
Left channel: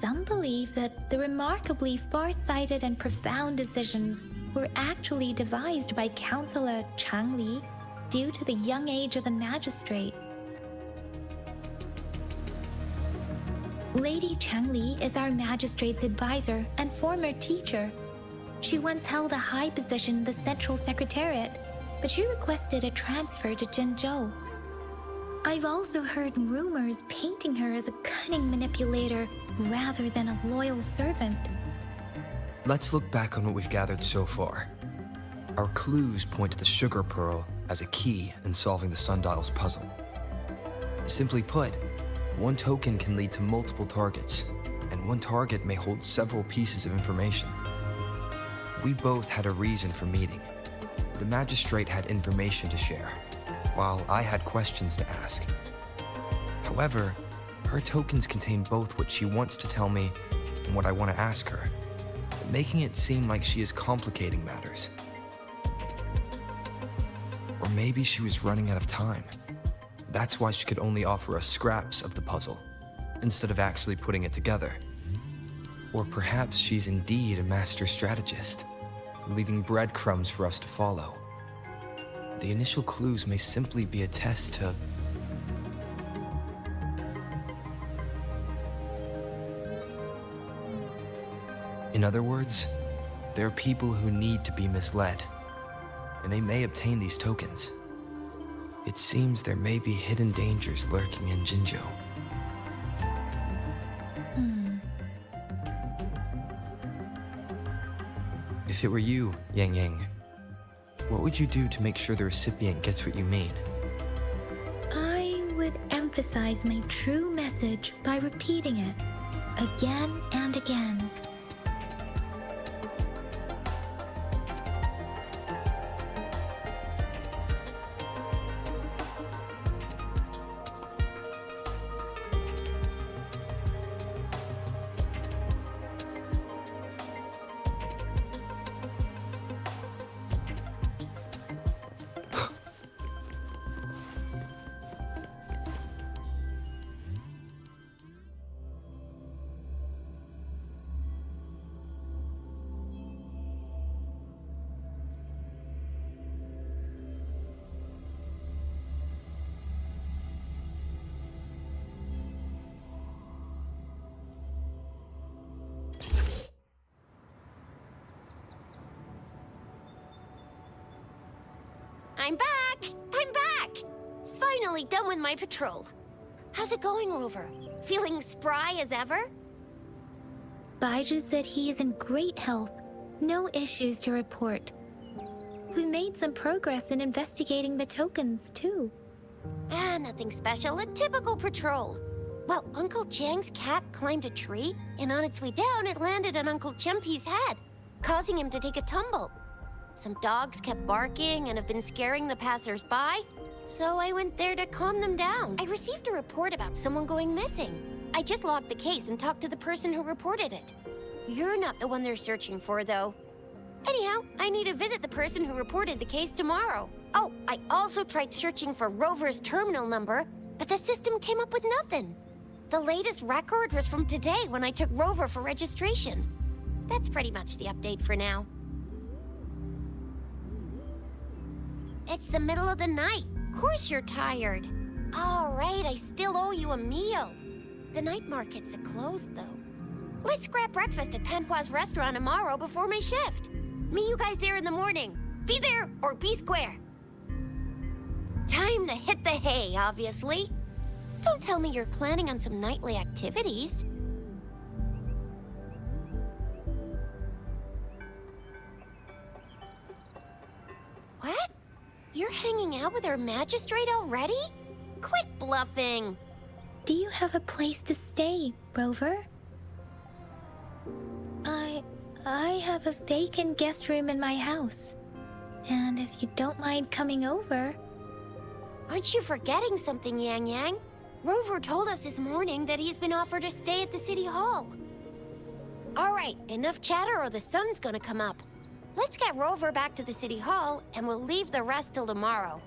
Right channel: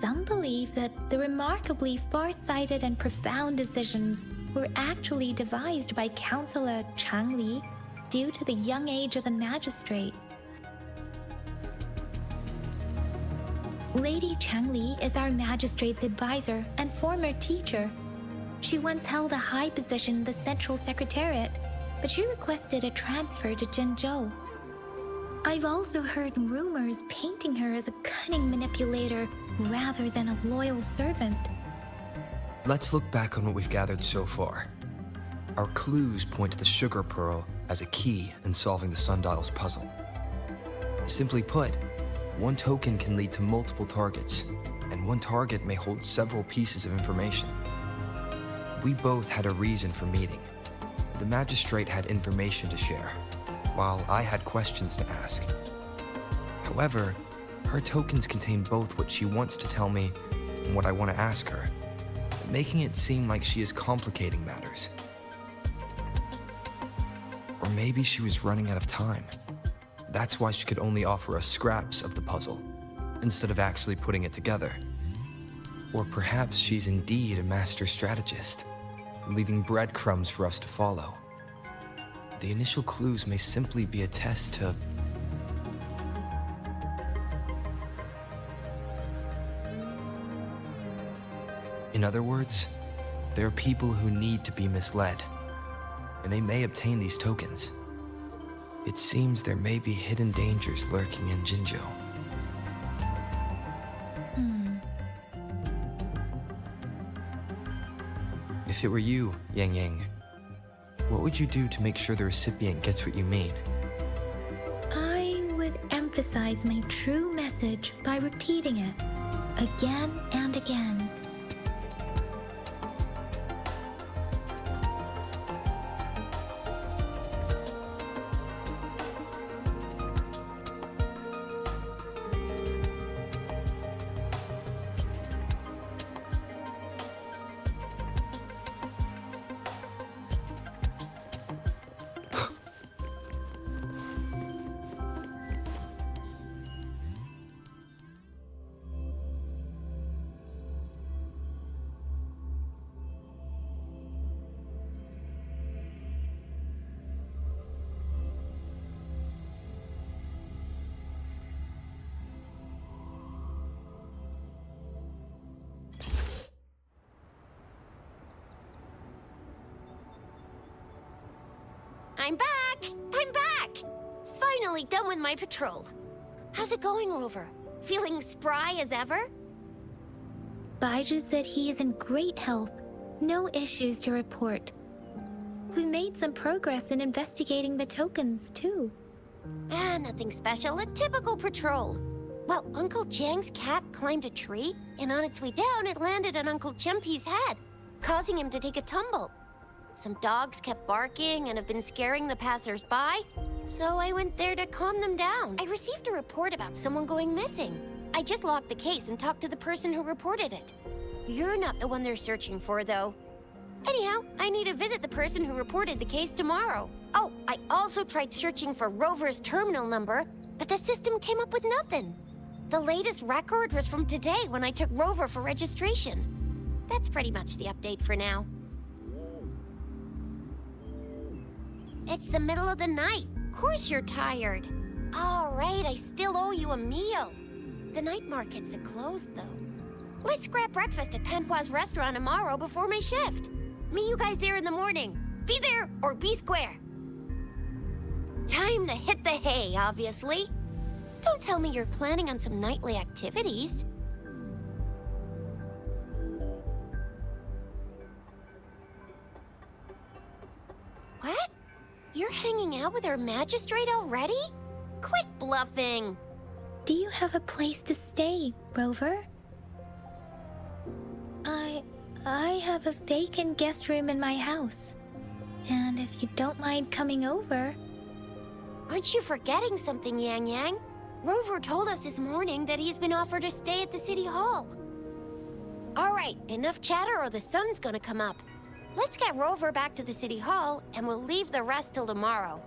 Some believe that the remarkably far-sighted and profound decisions were actually devised by Counselor Changli due to the young age of the magistrate. Lady Changli is our magistrate's advisor and former teacher. She once held a high position in the Central Secretariat, but she requested a transfer to Jinzhou. I've also heard rumors painting her as a cunning manipulator rather than a loyal servant. Let's look back on what we've gathered so far. Our clues point to the sugar pearl as a key in solving the sundial's puzzle. Simply put, one token can lead to multiple targets, and one target may hold several pieces of information. We both had a reason for meeting. The magistrate had information to share, while I had questions to ask. However, her tokens contain both what she wants to tell me and what I want to ask her, making it seem like she is complicating matters. Or maybe she was running out of time. That's why she could only offer us scraps of the puzzle, instead of actually putting it together. Or perhaps she's indeed a master strategist, leaving breadcrumbs for us to follow. The initial clues may simply be a test to... In other words, there are people who need to be misled, and they may obtain these tokens. It seems there may be hidden dangers lurking in Jinzhou. If it were you, Yang Yang, what would you do to make sure the recipient gets what you mean? I would emphasize my true message by repeating it again and again. I'm back! I'm back! Finally done with my patrol. How's it going, Rover? Feeling spry as ever? Baizhi said he is in great health. No issues to report. We made some progress in investigating the tokens, too. Nothing special. A typical patrol. Well, Uncle Jiang's cat climbed a tree, and on its way down, it landed on Uncle Chempi's head, causing him to take a tumble. Some dogs kept barking and have been scaring the passers-by, so I went there to calm them down. I received a report about someone going missing. I just logged the case and talked to the person who reported it. You're not the one they're searching for, though. Anyhow, I need to visit the person who reported the case tomorrow. Oh, I also tried searching for Rover's terminal number, but the system came up with nothing. The latest record was from today when I took Rover for registration. That's pretty much the update for now. It's the middle of the night. Of course you're tired. All right, I still owe you a meal. The night markets are closed, though. Let's grab breakfast at Panhua's restaurant tomorrow before my shift. Meet you guys there in the morning. Be there or be square. Time to hit the hay, obviously. Don't tell me you're planning on some nightly activities. What? You're hanging out with our magistrate already? Quit bluffing! Do you have a place to stay, Rover? I have a vacant guest room in my house. And if you don't mind coming over... Aren't you forgetting something, Yang Yang? Rover told us this morning that he's been offered a stay at the City Hall. All right, enough chatter or the sun's gonna come up. Let's get Rover back to the City Hall, and we'll leave the rest till tomorrow.